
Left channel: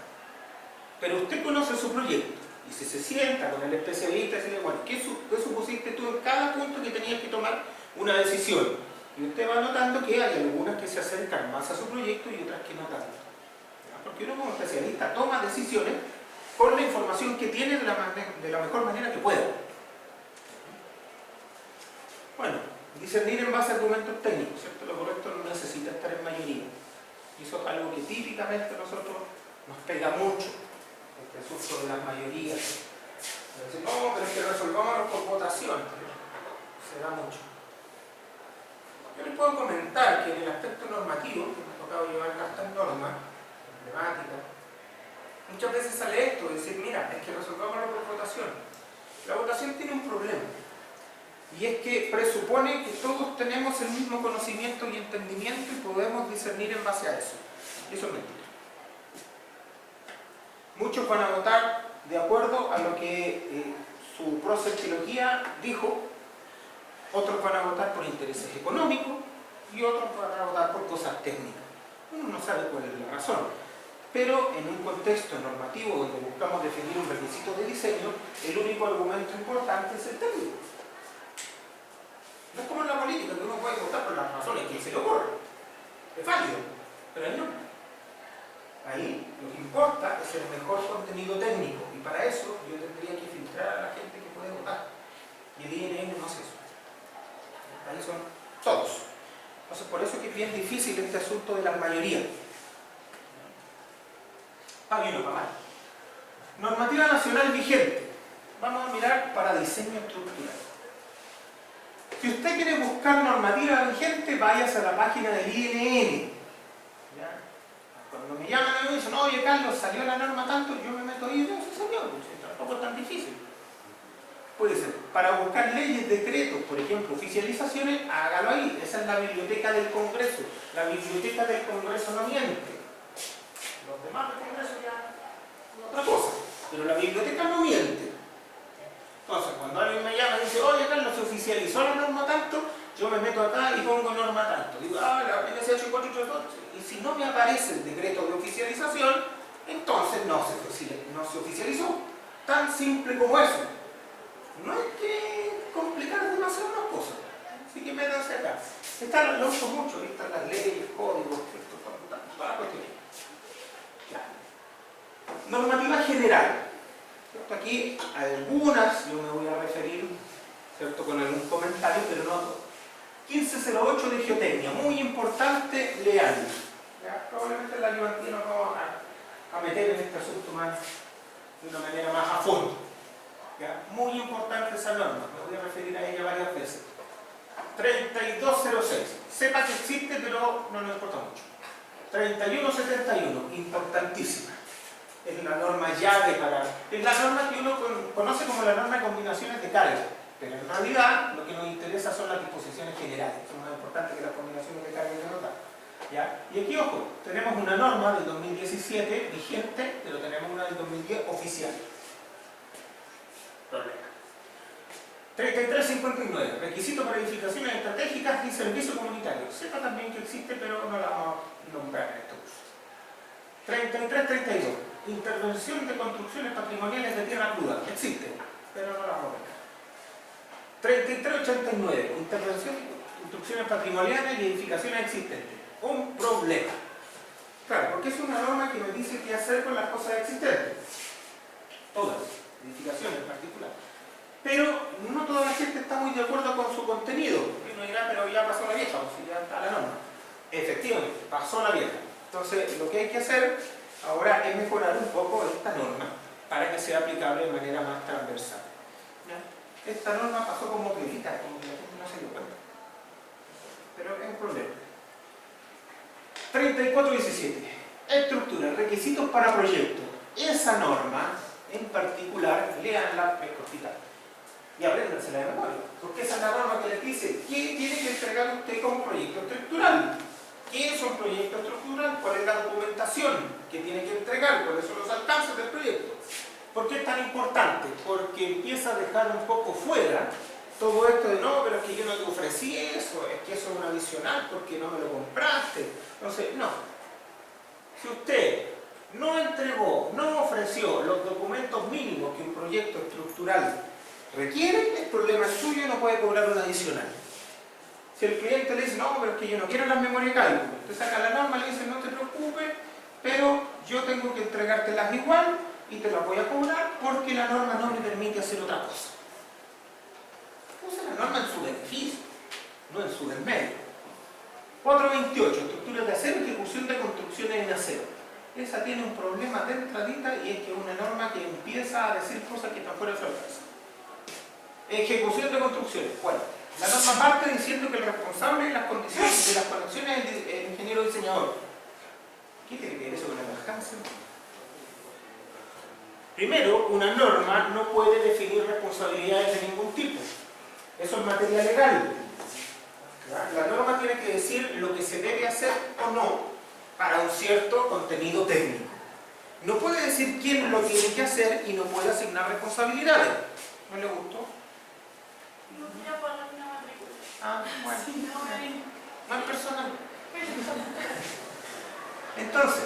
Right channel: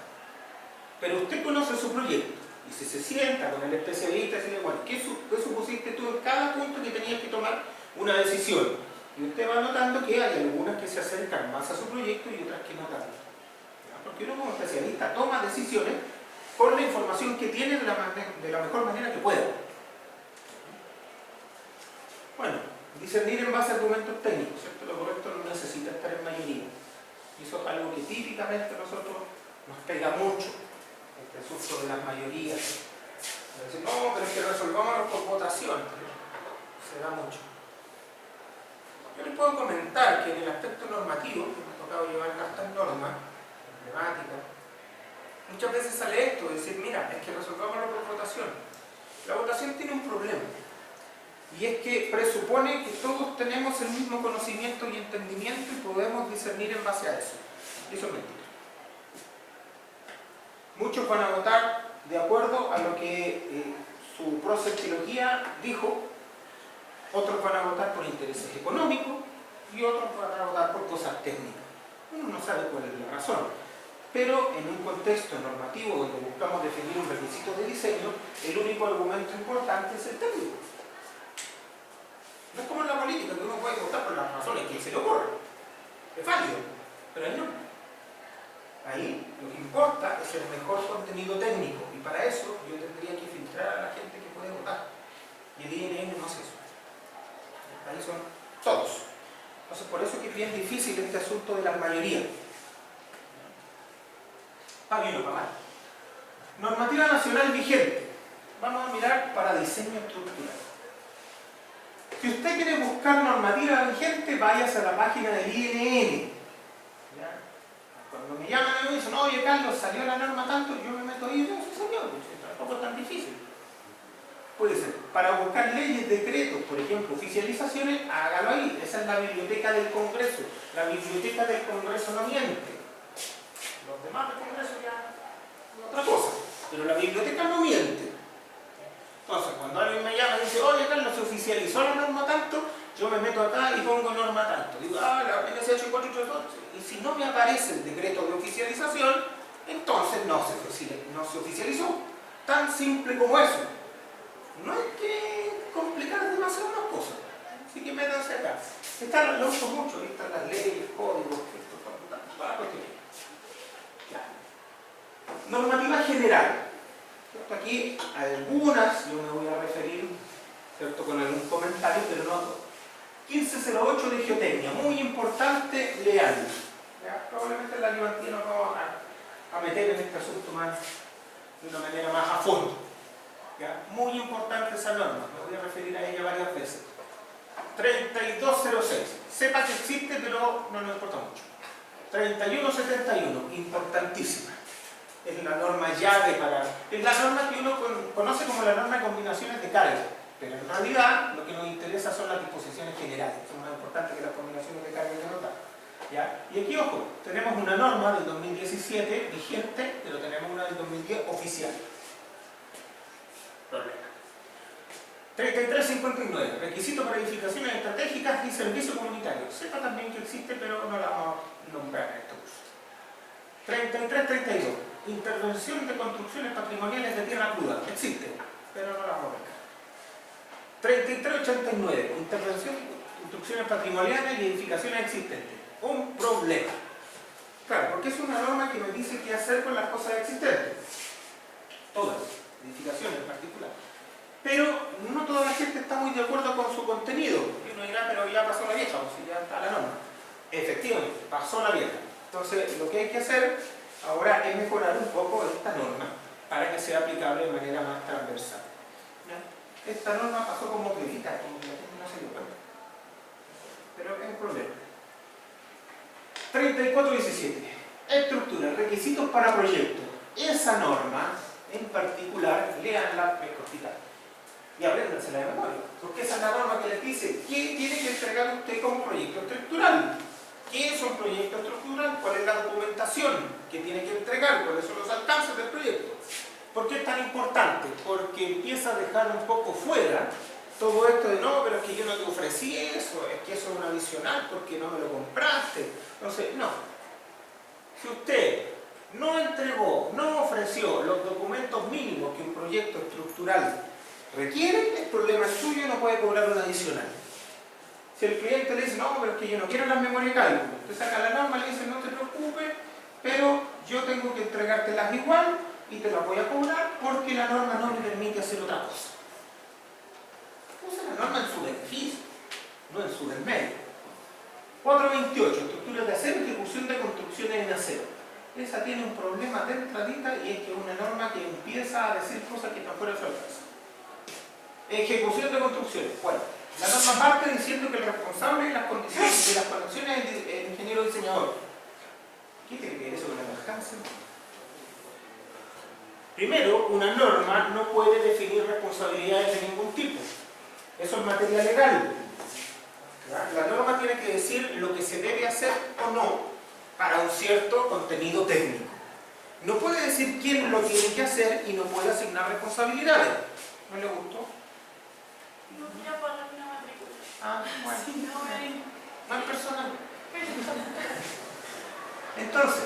pero usted conoce su proyecto. Y si se sienta con el especialista y dice, bueno, ¿qué supusiste tú en cada punto que tenías que tomar una decisión? Y usted va notando que hay algunas que se acercan más a su proyecto y otras que no tanto. Porque uno como especialista toma decisiones con la información que tiene de la mejor manera que pueda. Bueno, discernir en base a argumentos técnicos, ¿cierto? Lo correcto no necesita estar en mayoría. Y eso es algo que típicamente a nosotros nos pega mucho, este asunto de las mayorías. Decir, no, pero es que resolvámoslo por votación. Se da mucho. Yo les puedo comentar que en el aspecto normativo, que me ha tocado llevar hartas normas, emblemáticas, muchas veces sale esto, de decir, mira, es que resolvámoslo por votación. La votación tiene un problema, y es que presupone que todos tenemos el mismo conocimiento y entendimiento y podemos discernir en base a eso. Y eso es mentira. Muchos van a votar de acuerdo a lo que su prosectología dijo, otros van a votar por intereses económicos y otros van a votar por cosas técnicas. Uno no sabe cuál es la razón. Pero en un contexto normativo donde buscamos definir un requisito de diseño, el único argumento importante es el técnico. No es como en la política, que uno puede votar por las razones que se le ocurra. Es válido, pero ahí no. Ahí lo que importa es el mejor contenido técnico, y para eso yo tendría que filtrar a la gente que puede votar. Y el INN no hace eso. Ahí son todos. Entonces por eso es que es bien difícil este asunto de las mayorías. Para bien o para mal. Normativa nacional vigente. Vamos a mirar para diseño estructural. Si usted quiere buscar normativa vigente, váyase a la página del INN. ¿Ya? Cuando me llaman y me dicen, oye Carlos, salió la norma tanto, yo me meto ahí y veo si salió, tampoco es tan difícil. Puede ser, para buscar leyes, decretos, por ejemplo, oficializaciones, hágalo ahí. Esa es la biblioteca del Congreso. La biblioteca del Congreso no miente. Los demás del Congreso ya es otra cosa, pero la biblioteca no miente. Entonces, cuando alguien me llama y dice, oye Carlos, se oficializó la norma tanto, yo me meto acá y pongo norma tanto. Digo, la NSH 432, y si no me aparece el decreto de oficialización, entonces no se oficializó. Tan simple como eso. No hay que complicar demasiado las cosas. Así que métanse acá. Lo uso mucho, ahí están las leyes, códigos, toda la cuestión. Normativa general. ¿Cierto? Aquí algunas yo me voy a referir, ¿cierto?, con algún comentario, pero no todo. 1508 de geotecnia, muy importante, leanlo. Probablemente la ayudantina nos vamos a meter en este asunto de una manera más a fondo. ¿Ya? Muy importante esa norma, me voy a referir a ella varias veces. 3206, sepa que existe, pero no nos importa mucho. 3171, importantísima. Es la norma llave es la norma que uno conoce como la norma de combinaciones de carga. Pero en realidad lo que nos interesa son las disposiciones generales, son más importantes que las combinaciones de carga y de nota. ¿Ya? Y aquí, ojo, tenemos una norma del 2017 vigente, pero tenemos una del 2010 oficial. Problema. 3359, requisitos para edificaciones estratégicas y servicios comunitarios. Sepa también que existe, pero no la vamos a nombrar en este curso. 3332, intervención de construcciones patrimoniales de tierra cruda. Existe, pero no la vamos a ver. 3389, intervención de construcciones patrimoniales y edificaciones existentes. Un problema. Claro, porque es una norma que me dice qué hacer con las cosas existentes. Todas, edificaciones en particular. Pero no toda la gente está muy de acuerdo con su contenido. Y uno dirá, pero ya pasó la vieja, o si ya está la norma. Efectivamente, pasó la vieja. Entonces, lo que hay que hacer ahora es mejorar un poco esta norma para que sea aplicable de manera más transversal. ¿Ya? Esta norma pasó como piedita, como que la gente no se dio cuenta. Pero es un problema. 3417. Estructura, requisitos para proyectos. Esa norma, en particular, leanla, es cortita. Y apréndansela de memoria. Porque esa es la norma que les dice qué tiene que entregar usted como proyecto estructural. ¿Qué es un proyecto estructural? ¿Cuál es la documentación que tiene que entregar? ¿Cuáles son los alcances del proyecto? ¿Por qué es tan importante? Porque empieza a dejar un poco fuera todo esto de no, pero es que yo no te ofrecí eso, es que eso es un adicional porque no me lo compraste. Entonces, no. Si usted no entregó, no ofreció los documentos mínimos que un proyecto estructural requiere, el problema es suyo y no puede cobrar un adicional. Si el cliente le dice, no, pero es que yo no quiero las memorias de cálculo, usted saca la norma y le dice, no te preocupes, pero yo tengo que entregártelas igual y te las voy a cobrar porque la norma no me permite hacer otra cosa. Use la norma en su beneficio, no en su desmedro. 428, estructuras de acero, ejecución de construcciones en acero. Esa tiene un problema de entradita y es que es una norma que empieza a decir cosas que están fuera de su alcance. Ejecución de construcciones. Bueno, la norma parte diciendo que el responsable de las condiciones de las conexiones es el ingeniero diseñador. ¿Qué tiene que ver eso con el alcance? Primero, una norma no puede definir responsabilidades de ningún tipo. Eso es materia legal. La norma tiene que decir lo que se debe hacer o no para un cierto contenido técnico. No puede decir quién lo tiene que hacer y no puede asignar responsabilidades. ¿No le gustó? Ah, bueno. No es personal. Entonces,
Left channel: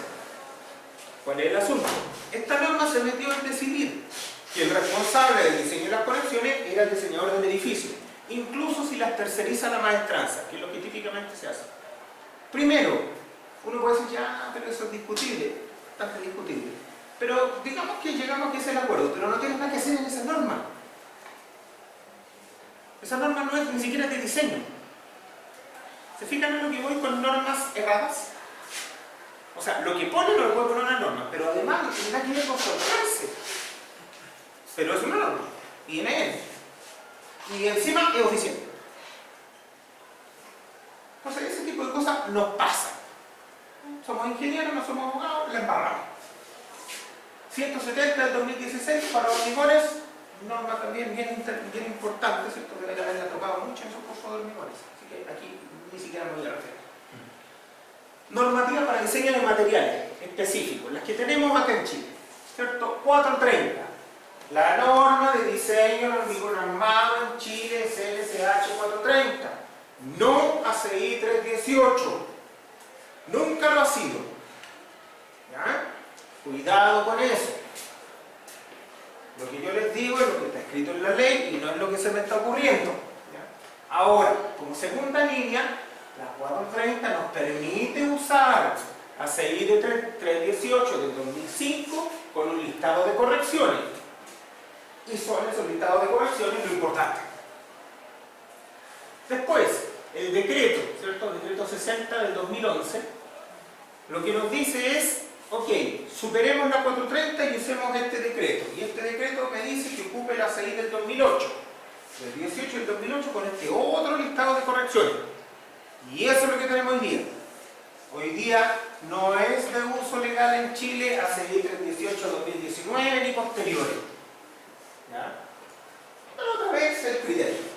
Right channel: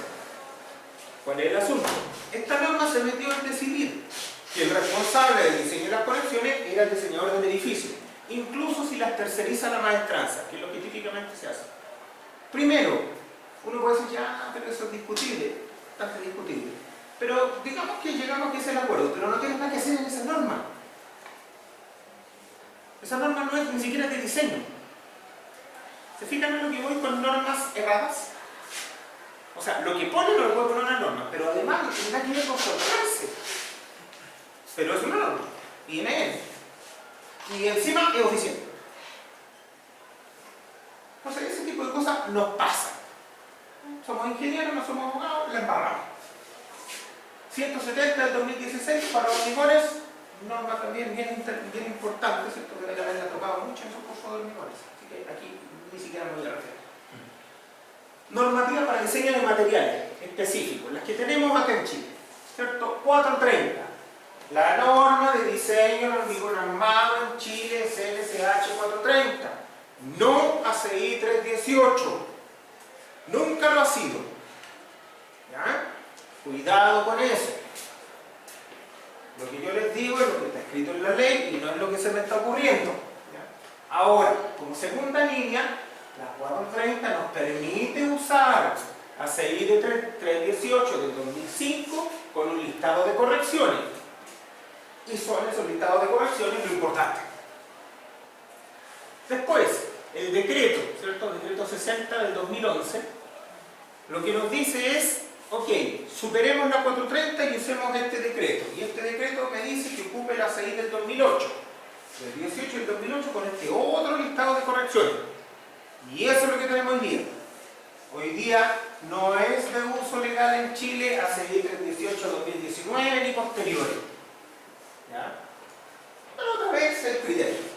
¿cuál es el asunto? Esta norma se metió en decidir que el responsable del diseño de las conexiones era el diseñador del edificio, incluso si las terceriza la maestranza, que es lo que típicamente se hace. Primero, uno puede decir, ya, pero eso es discutible, bastante discutible. Pero digamos que llegamos a que es el acuerdo, pero no tiene nada que hacer en esa norma. Esa norma no es ni siquiera de diseño. ¿Se fijan en lo que voy con normas erradas? O sea, lo que pone no lo puede poner una norma, pero además no tiene nada que ver con formarse. Pero es una norma. Viene él. Y encima es oficial. Entonces, ese tipo de cosas nos pasan. Somos ingenieros, no somos abogados, la embarramos. 170 del 2016 para hormigones, norma también bien importante, ¿cierto? Que debe haberla tocado mucho en su curso de hormigones. Así que aquí ni siquiera me voy a referir. Normativa para diseño de materiales específicos, las que tenemos acá en Chile, ¿cierto? 430. La norma de diseño del hormigón armado en Chile es LCH 430. No ACI 318. Nunca lo ha sido. ¿Ya? Cuidado con eso. Lo que yo les digo es lo que está escrito en la ley y no es lo que se me está ocurriendo. ¿Ya? Ahora, como segunda línea, la 430 nos permite usar ACI de 318 del 2005 con un listado de correcciones. Y son esos listados de correcciones lo importante. Después, el decreto, ¿cierto? El decreto 60 del 2011, lo que nos dice es, ok, superemos la 430 y usemos este decreto. Y este decreto me dice que ocupe la ACI del 2008, del 18 y del 2008 con este otro listado de correcciones. Y eso es lo que tenemos hoy día. Hoy día no es de uso legal en Chile ACI 318-2019 ni posteriores. ¿Ya? Pero otra vez es el criterio.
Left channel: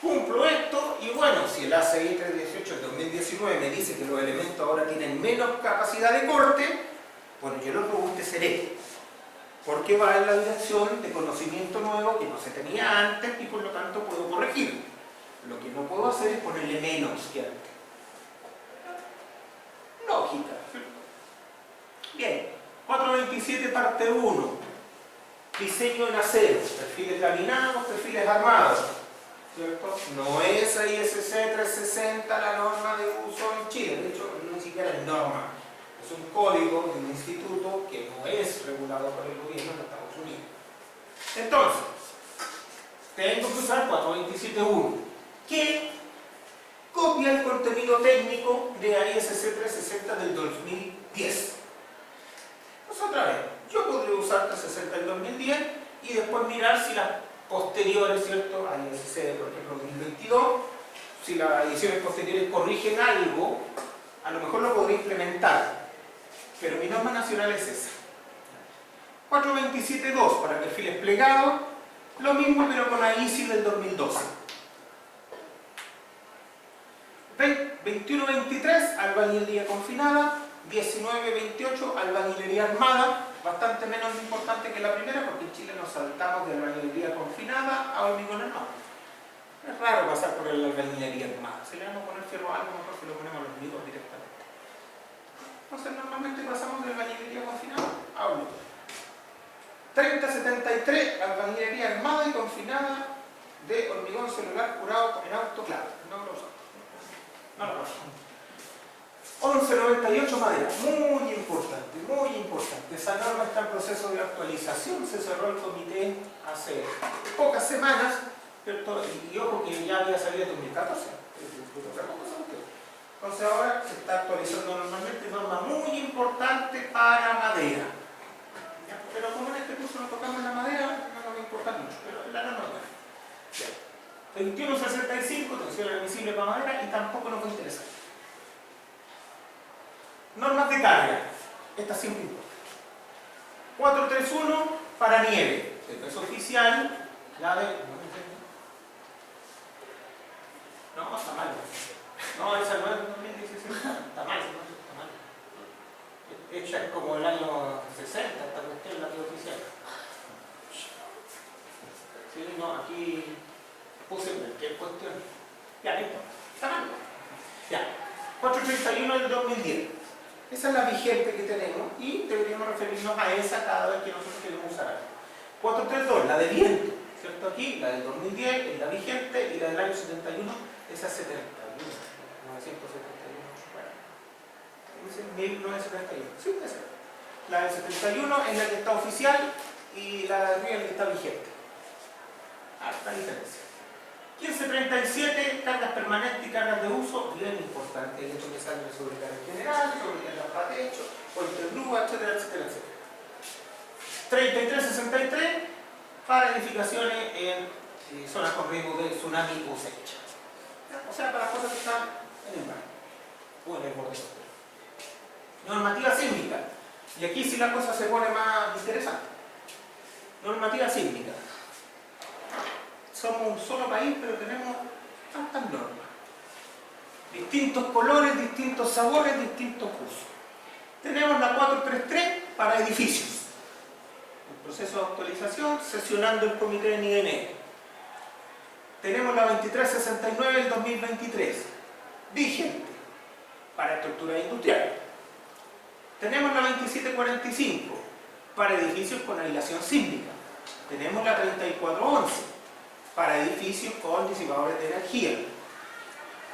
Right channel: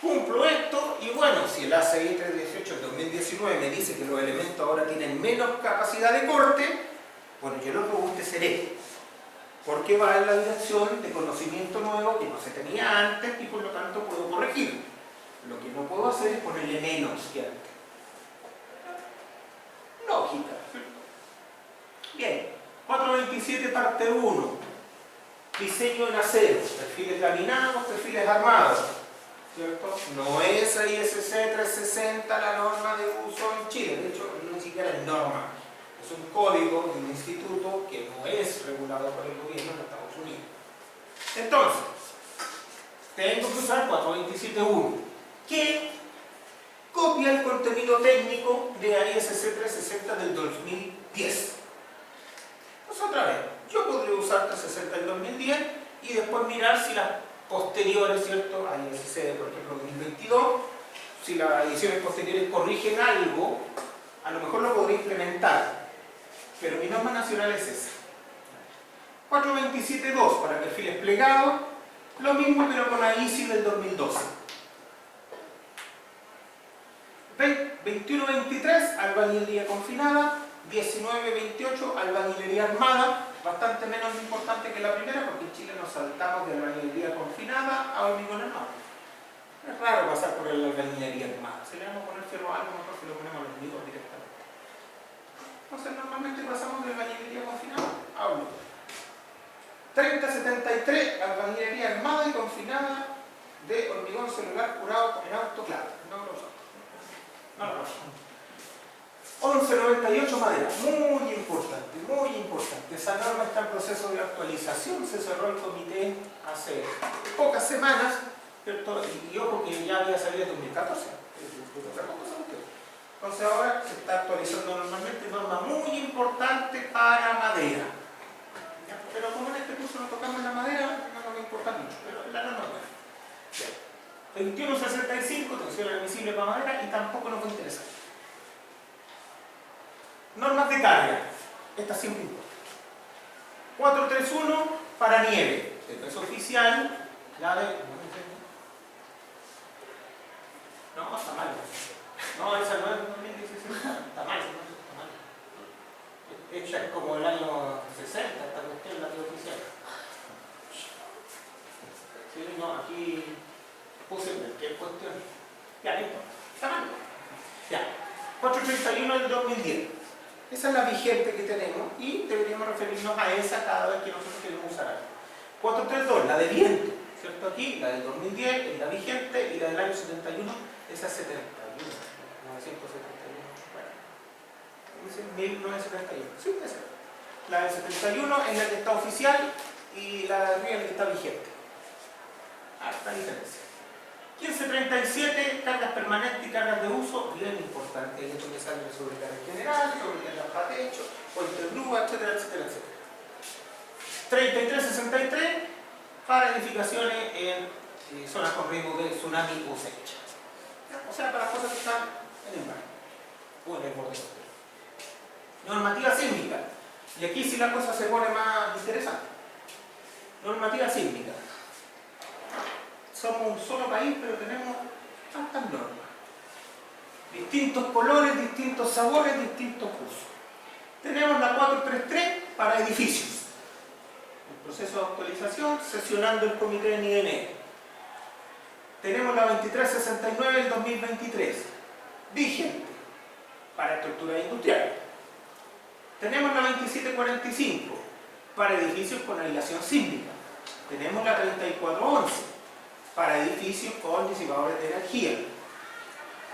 Cumplo esto y bueno, si el ACI 318 del 2019 me dice que los elementos ahora tienen menos capacidad de corte, bueno, yo lo robusteceré, porque va en la dirección de conocimiento nuevo que no se tenía antes y por lo tanto puedo corregir. Lo que no puedo hacer es ponerle menos que antes. Lógica. Bien, 427 parte 1. Diseño en acero, perfiles laminados, perfiles armados. ¿Cierto? No es ISC 360 la norma de uso en Chile, de hecho ni siquiera es norma, es un código de un instituto que no es regulado por el gobierno de Estados Unidos. Entonces, tengo que usar 427.1, que copia el contenido técnico de ISC 360 del 2010. Pues otra vez, yo podría usar 360 del 2010 y después mirar si las posteriores, ¿cierto? A ISC, por ejemplo, 2022, si las ediciones posteriores corrigen algo, a lo mejor lo podría implementar, pero mi norma nacional es esa. 427.2 para perfiles plegados, lo mismo pero con la ISI del 2012. 21.23, albañilería confinada. 19.28, albañilería armada, bastante menos importante que la primera porque en Chile nos saltamos de albañilería confinada a hormigón armado. Es raro pasar por la albañilería armada. Si le vamos a poner ferro a algo, mejor si lo ponemos a los hormigón directamente. Entonces normalmente pasamos de albañilería confinada a hormigón. 30.73, albañilería armada y confinada de hormigón celular curado en autoclave. No lo usamos. No lo usamos. 11.98 madera, muy importante, muy importante. Esa norma está en proceso de actualización, se cerró el comité hace pocas semanas, ¿cierto? Y ojo que ya había salido en 2014. Entonces ahora se está actualizando normalmente, norma muy importante para madera. ¿Ya? Pero como en este curso no tocamos la madera, no nos importa mucho, pero la norma no. 21.65, tensión admisible para madera y tampoco nos va a interesar. Normas de carga, esta siempre importa. 431 para nieve, esto es oficial, la de... No, está mal. No, esa no es 2016, está mal, está mal. Esta es como el año 60, esta cuestión la que es oficial. Sí, no, aquí puse cualquier cuestión. Ya, listo, está mal. Ya, 431 del 2010. Esa es la vigente que tenemos y deberíamos referirnos a esa cada vez que nosotros queremos usar algo. 432, la de viento, ¿cierto? Aquí, la del 2010 es la vigente y la del año 71, esa es 71, 971, bueno, dice 1971, sí, esa. La del 71 es la que está oficial y la de arriba es la que está vigente. Harta diferencia. 15.37, cargas permanentes y cargas de uso, bien importante, el hecho que sale de sobrecarga general, sobrecarga para techo, puente de grúa, etcétera, etcétera, etcétera. 33.63, para edificaciones en zonas con riesgo de tsunami o sequía. O sea, para cosas que están en el mar o en el borde costero. Normativa sísmica, y aquí sí la cosa se pone más interesante. Normativa sísmica. Somos un solo país, pero tenemos tantas normas. Distintos colores, distintos sabores, distintos usos. Tenemos la 433 para edificios. El proceso de actualización, sesionando el comité de NIDN. Tenemos la 2369 del 2023, vigente, para estructuras industriales. Tenemos la 2745, para edificios con aislación sísmica. Tenemos la 3411, para edificios con disipadores de energía.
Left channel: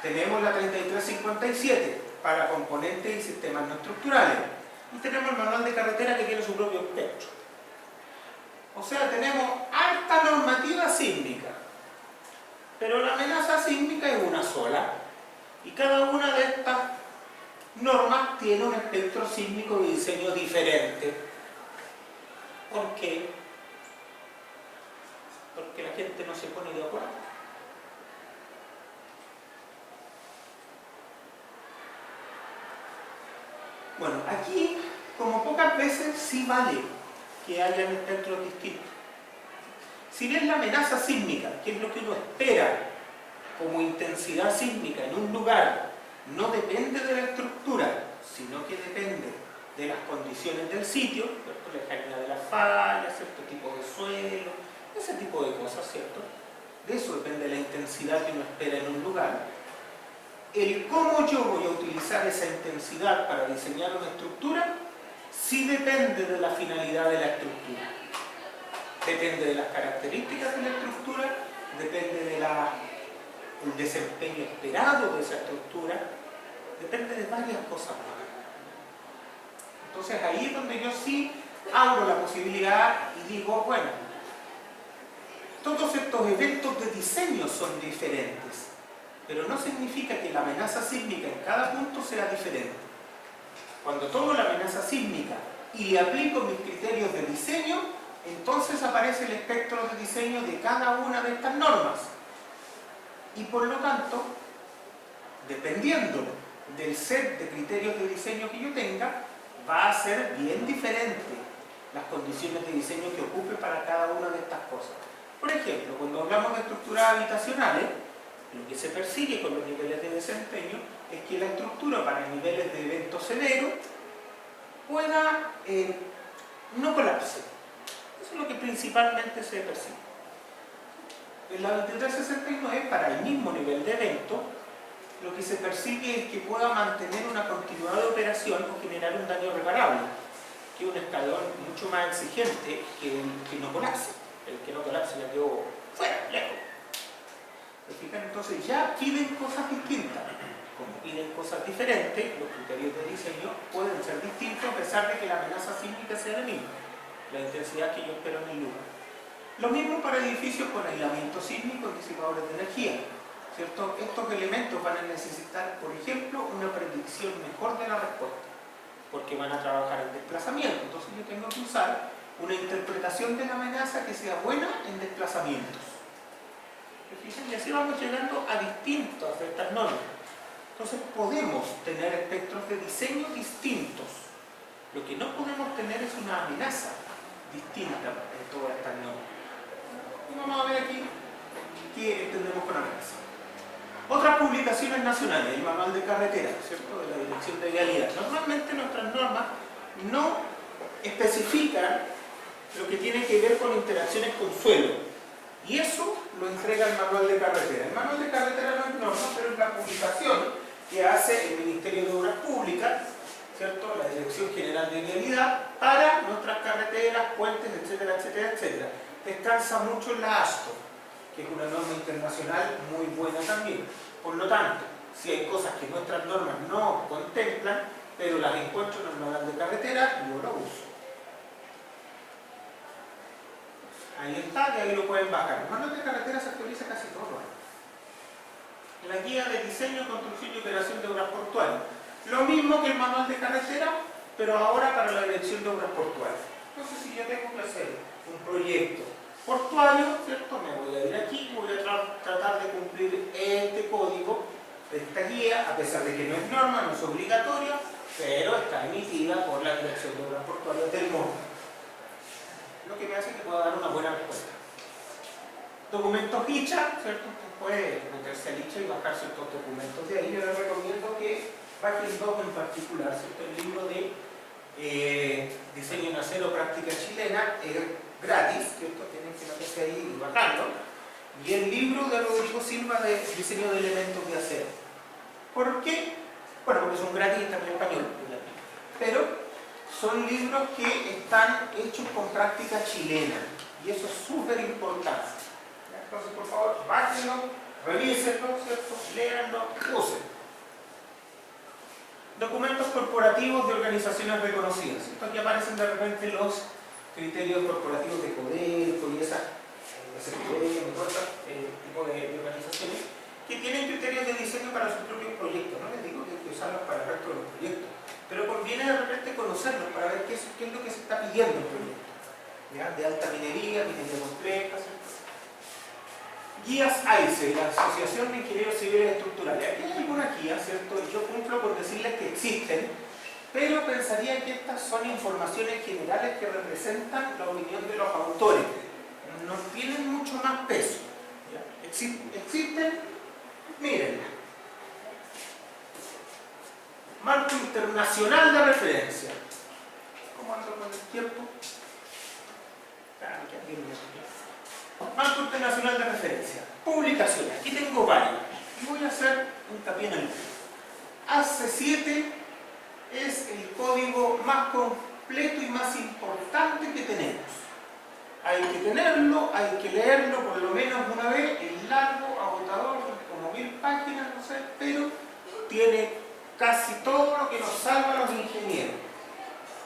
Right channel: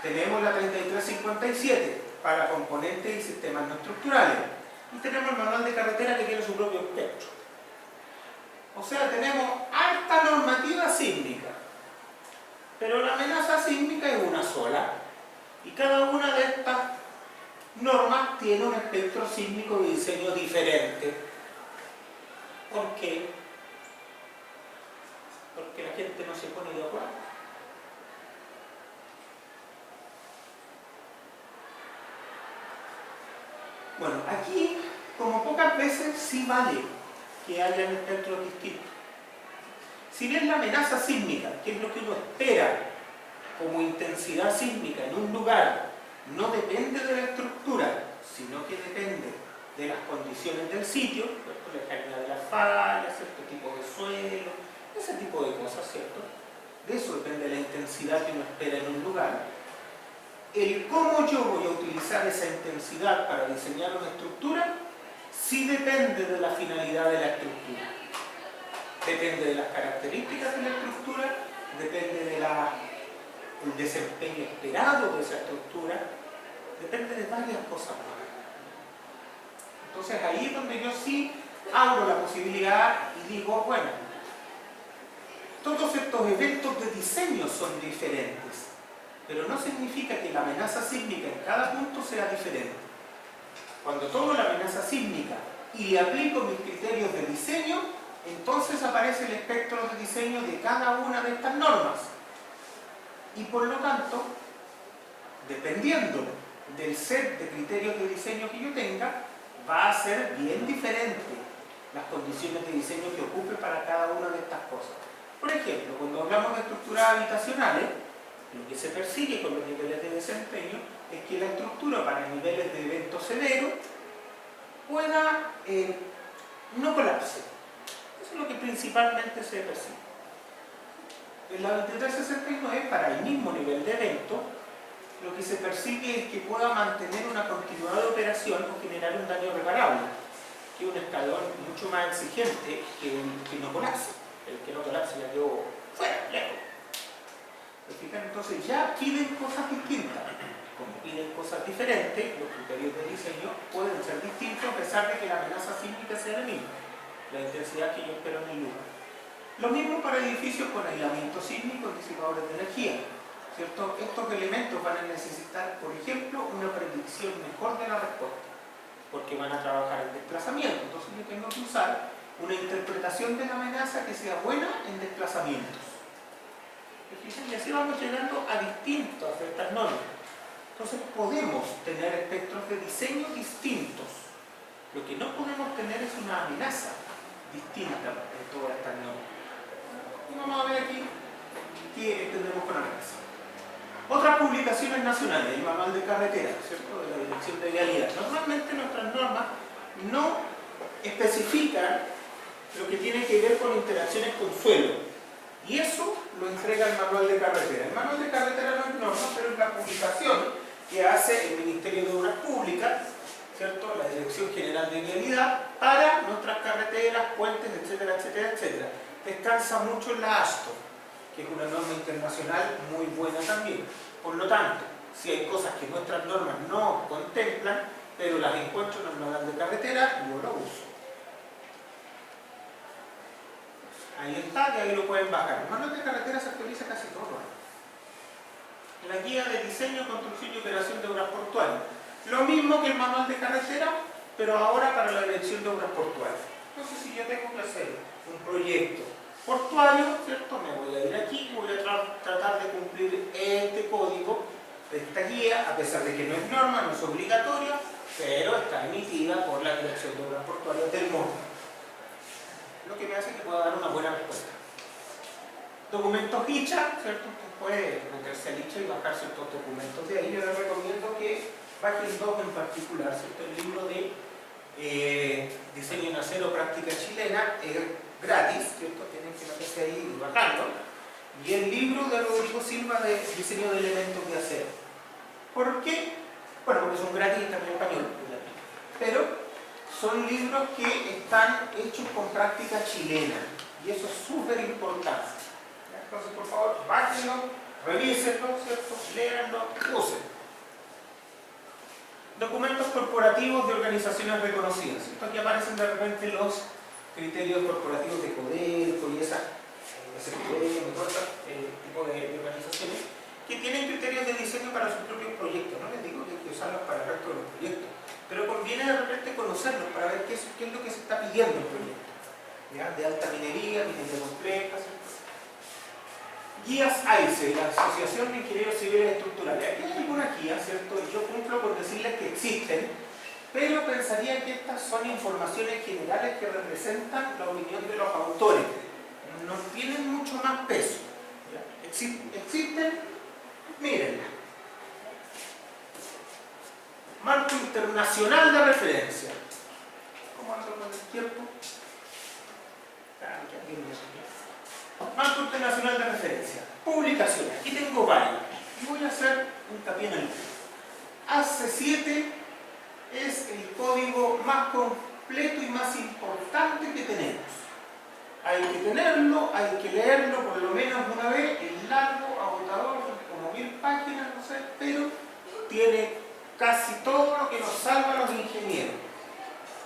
Tenemos la 3357 para componentes y sistemas no estructurales. Y tenemos el manual de carretera que tiene su propio espectro. O sea, tenemos alta normativa sísmica. Pero la amenaza sísmica es una sola. Y cada una de estas normas tiene un espectro sísmico de diseño diferente. ¿Por qué? Porque la gente no se pone de acuerdo. Bueno, aquí, como pocas veces, sí vale que hayan espectros distintos. Si bien la amenaza sísmica, que es lo que uno espera como intensidad sísmica en un lugar, no depende de la estructura, sino que depende de las condiciones del sitio, ¿cierto? La lejanía de las fallas, cierto tipo de suelo, ese tipo de cosas, ¿cierto? De eso depende la intensidad que uno espera en un lugar. El cómo yo voy a utilizar esa intensidad para diseñar una estructura, sí depende de la finalidad de la estructura. Depende de las características de la estructura, depende del desempeño esperado de esa estructura, depende de varias cosas más. Entonces ahí es donde yo sí abro la posibilidad y digo, bueno, todos estos eventos de diseño son diferentes, pero no significa que la amenaza sísmica en cada punto sea diferente. Cuando tomo la amenaza sísmica y aplico mis criterios de diseño, entonces aparece el espectro de diseño de cada una de estas normas. Y por lo tanto, dependiendo del set de criterios de diseño que yo tenga, va a ser bien diferente las condiciones de diseño que ocupe para cada una de estas cosas. Por ejemplo, cuando hablamos de estructuras habitacionales, lo que se persigue con los niveles de desempeño es que la estructura para niveles de evento severo pueda no colapse. Eso es lo que principalmente se persigue. En la 2369, para el mismo nivel de evento, lo que se persigue es que pueda mantener una continuidad de operación o generar un daño reparable, que es un escalón mucho más exigente que el que no colapse. El que no colapse ya quedó fuera, lejos. ¿Se fijan? Entonces ya piden cosas distintas. Como piden cosas diferentes, los criterios de diseño pueden ser distintos a pesar de que la amenaza sísmica sea la misma, la intensidad que yo espero en el lugar. Lo mismo para edificios con aislamiento sísmico y disipadores de energía, ¿cierto? Estos elementos van a necesitar, por ejemplo, una predicción mejor de la respuesta, porque van a trabajar en desplazamiento. Entonces yo tengo que usar una interpretación de la amenaza que sea buena en desplazamientos. Y así vamos llegando a distintas de estas normas. Entonces podemos tener espectros de diseño distintos. Lo que no podemos tener es una amenaza distinta en todas estas normas. Y vamos a ver aquí qué entendemos con amenaza. Otras publicaciones nacionales, el manual de carretera, ¿cierto? De la Dirección de Vialidad. Normalmente nuestras normas no especifican lo que tiene que ver con interacciones con suelo. Y eso lo entrega el manual de carretera. El manual de carretera no es norma, pero es la publicación que hace el Ministerio de Obras Públicas, ¿cierto? La Dirección General de Vialidad, para nuestras carreteras, puentes, etcétera, etcétera, etcétera. Descansa mucho en la ASTO, que es una norma internacional muy buena también. Por lo tanto, si hay cosas que nuestras normas no contemplan, pero las encuentro en el manual de carretera, yo lo uso. Ahí está, y ahí lo pueden bajar. El manual de carretera se actualiza casi todo. La guía de diseño, construcción y operación de obras portuarias. Lo mismo que el manual de carretera, pero ahora para la Dirección de Obras Portuarias. Entonces, si yo tengo que hacer un proyecto portuario, ¿cierto? Me voy a ir aquí, voy a tratar de cumplir este código, esta guía, a pesar de que no es norma, no es obligatoria, pero está emitida por la Dirección de Obras Portuarias del mundo. Lo que me hace que pueda dar una buena respuesta. Documentos ICHA, ¿cierto? Usted puede meterse al ICHA y bajar ciertos documentos. De ahí yo les recomiendo que bajen dos en particular, ¿cierto? El libro de Diseño en Acero, Práctica Chilena, es gratis, ¿cierto? Tienen que meterse ahí y bajarlo. Y el libro de Rodrigo Silva de Diseño de Elementos de Acero. ¿Por qué? Bueno, porque son gratis y están en español, pero son libros que están hechos con práctica chilena y eso es súper importante. Entonces, por favor, bájenlo, revísenlo, ¿cierto? Léanlo, usen. Documentos corporativos de organizaciones reconocidas. Aquí aparecen de repente los criterios corporativos de Codelco y ese tipo de organizaciones que tienen criterios de diseño para sus propios proyectos. No les digo que hay que usarlos para el resto de los proyectos, pero conviene de repente conocerlos para ver qué es lo que se está pidiendo en el proyecto, ¿ya? De alta minería compleja, ¿cierto? Guías AICE, la Asociación de Ingenieros Civiles Estructurales. Aquí hay algunas guías, ¿cierto? Yo cumplo por decirles que existen, pero pensaría que estas son informaciones generales que representan la opinión de los autores. no tienen mucho más peso. ¿Ya? Existen, mírenla. Marco internacional de referencia. ¿Cómo ando con el tiempo? Marco internacional de referencia. Publicaciones. Aquí tengo varios. Y voy a hacer hincapié en el AC7 es el código más completo y más importante que tenemos. Hay que tenerlo, hay que leerlo por lo menos una vez, es largo, agotador, como 1000 páginas, no sé, pero tiene casi todo lo que nos salva a los ingenieros.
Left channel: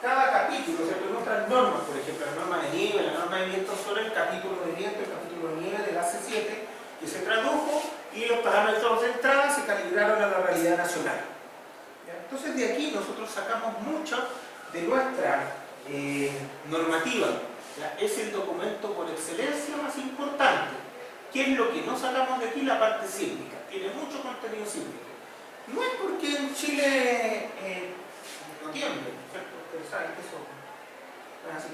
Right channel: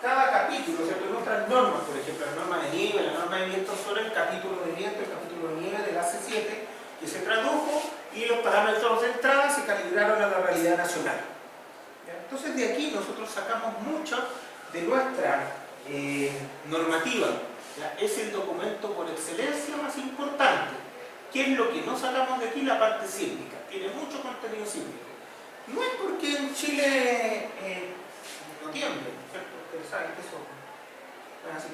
Cada capítulo, ¿cierto? En otras normas, por ejemplo, la norma de nieve, la norma de viento son el capítulo de viento, el capítulo de nieve del AC7, que se tradujo y los parámetros de entrada se calibraron a la realidad nacional. ¿Ya? Entonces de aquí nosotros sacamos mucho de nuestra normativa. ¿Ya? Es el documento por excelencia más importante. ¿Qué es lo que no sacamos de aquí? La parte sísmica. Tiene mucho contenido sísmico. No es porque en Chile no tiemble, ¿cierto? Ustedes saben que eso es así.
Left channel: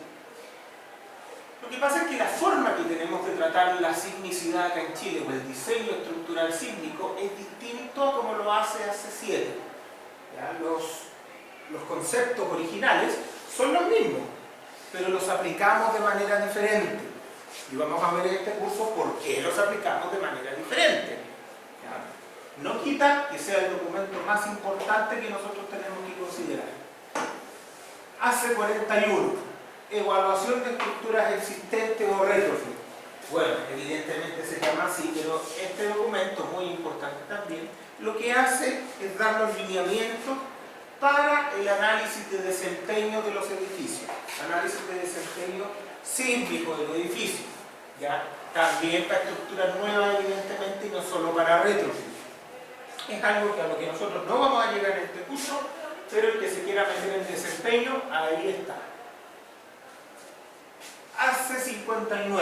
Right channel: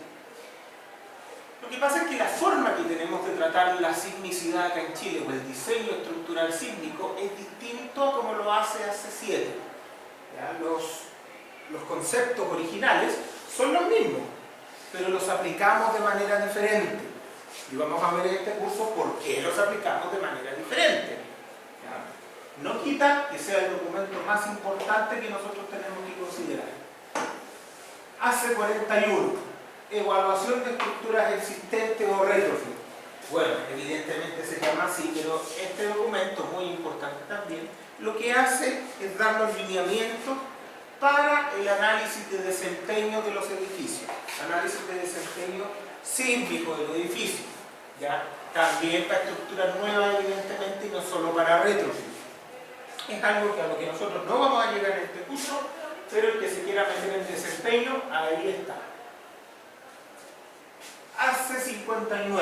Lo que pasa es que la forma que tenemos de tratar la sismicidad acá en Chile o el diseño estructural sísmico es distinto a como lo hace AC7. ¿Ya? Los conceptos originales son los mismos, pero los aplicamos de manera diferente. Y vamos a ver en este curso por qué los aplicamos de manera diferente. ¿Ya? No quita que sea el documento más importante que nosotros tenemos que considerar. AC41. Evaluación de estructuras existentes o retrofit. Bueno, evidentemente se llama así, pero este documento, muy importante también, lo que hace es dar los lineamientos para el análisis de desempeño de los edificios. Análisis de desempeño sísmico de los edificios. ¿Ya? También para estructuras nuevas, evidentemente, y no solo para retrofit. Es algo que a lo que nosotros no vamos a llegar en este curso, pero el que se quiera meter en desempeño, ahí está. AC59,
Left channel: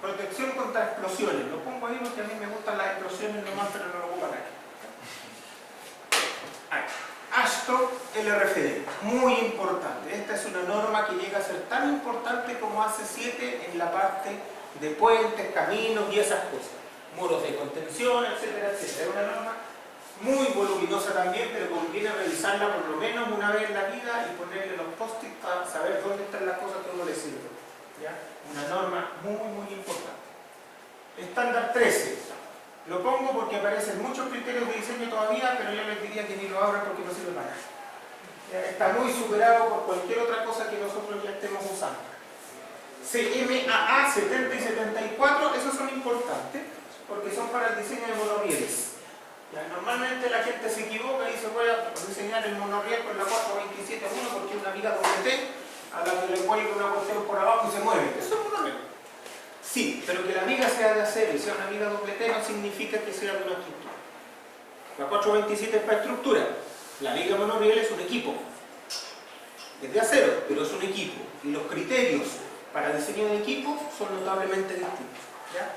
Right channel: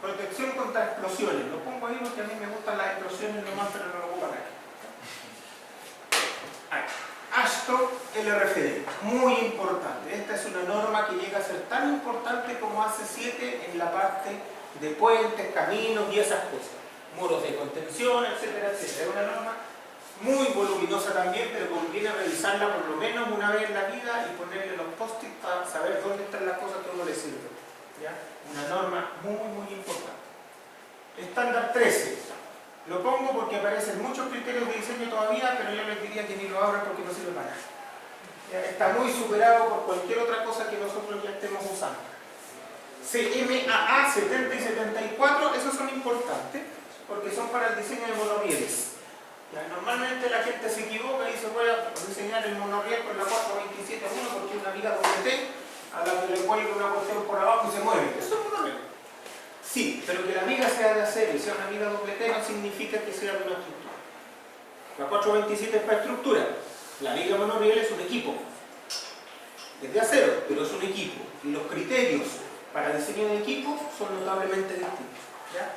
protección contra explosiones. Lo pongo ahí porque a mí me gustan las explosiones nomás, pero no lo ocupan aquí. AASHTO LRFD, muy importante. Esta es una norma que llega a ser tan importante como AC7 en la parte de puentes, caminos y esas cosas. Muros de contención, etcétera, etcétera. Es una norma muy voluminosa también, pero conviene revisarla por lo menos una vez en la vida y ponerle los post-it para saber dónde están las cosas que a uno le sirven. ¿Ya? Una norma muy importante. Estándar 13. Lo pongo porque aparecen muchos criterios de diseño todavía, pero yo les diría que ni lo abran porque no sirve para nada. ¿Ya? Está muy superado por cualquier otra cosa que nosotros ya estemos usando. CMAA 70 y 74, esos son importantes porque son para el diseño de monorrieles. ¿Ya? Normalmente la gente se equivoca y se puede diseñar el monorriel con la 427.1 porque es una viga doble T a la que le cuelga una cuestión por abajo y se mueve. Eso es monorriel. Sí, pero que la viga sea de acero y sea una viga doble T no significa que sea de una estructura. La 427 es para estructura. La viga monorriel es un equipo. Es de acero, pero es un equipo. Y los criterios para diseño de equipos son notablemente distintos. ¿Ya?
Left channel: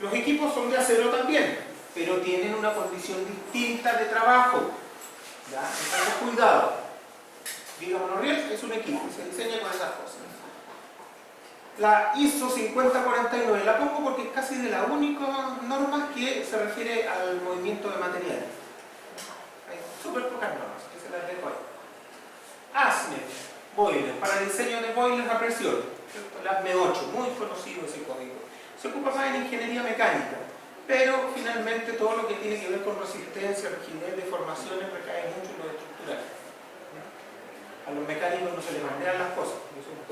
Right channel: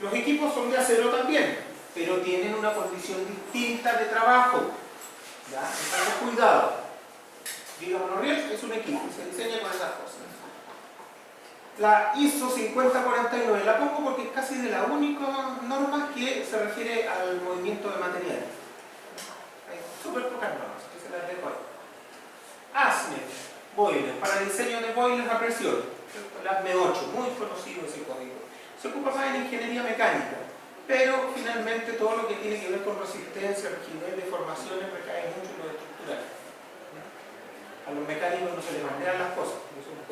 Los equipos son de acero también, pero tienen una condición distinta de trabajo. ¿Ya? Entonces, cuidado. Viga monorriel es un equipo y se diseña con esas cosas. La ISO 5049 la pongo porque es casi de la única norma que se refiere al movimiento de materiales. Hay súper pocas normas que se las dejo ahí. ASME, boiler, para diseño de boilers a presión. El ASME 8, muy conocido ese código. Se ocupa más en ingeniería mecánica, pero finalmente todo lo que tiene que ver con resistencia, rigidez, deformaciones recae mucho en lo estructural. A los mecánicos no se les bandean las cosas, eso es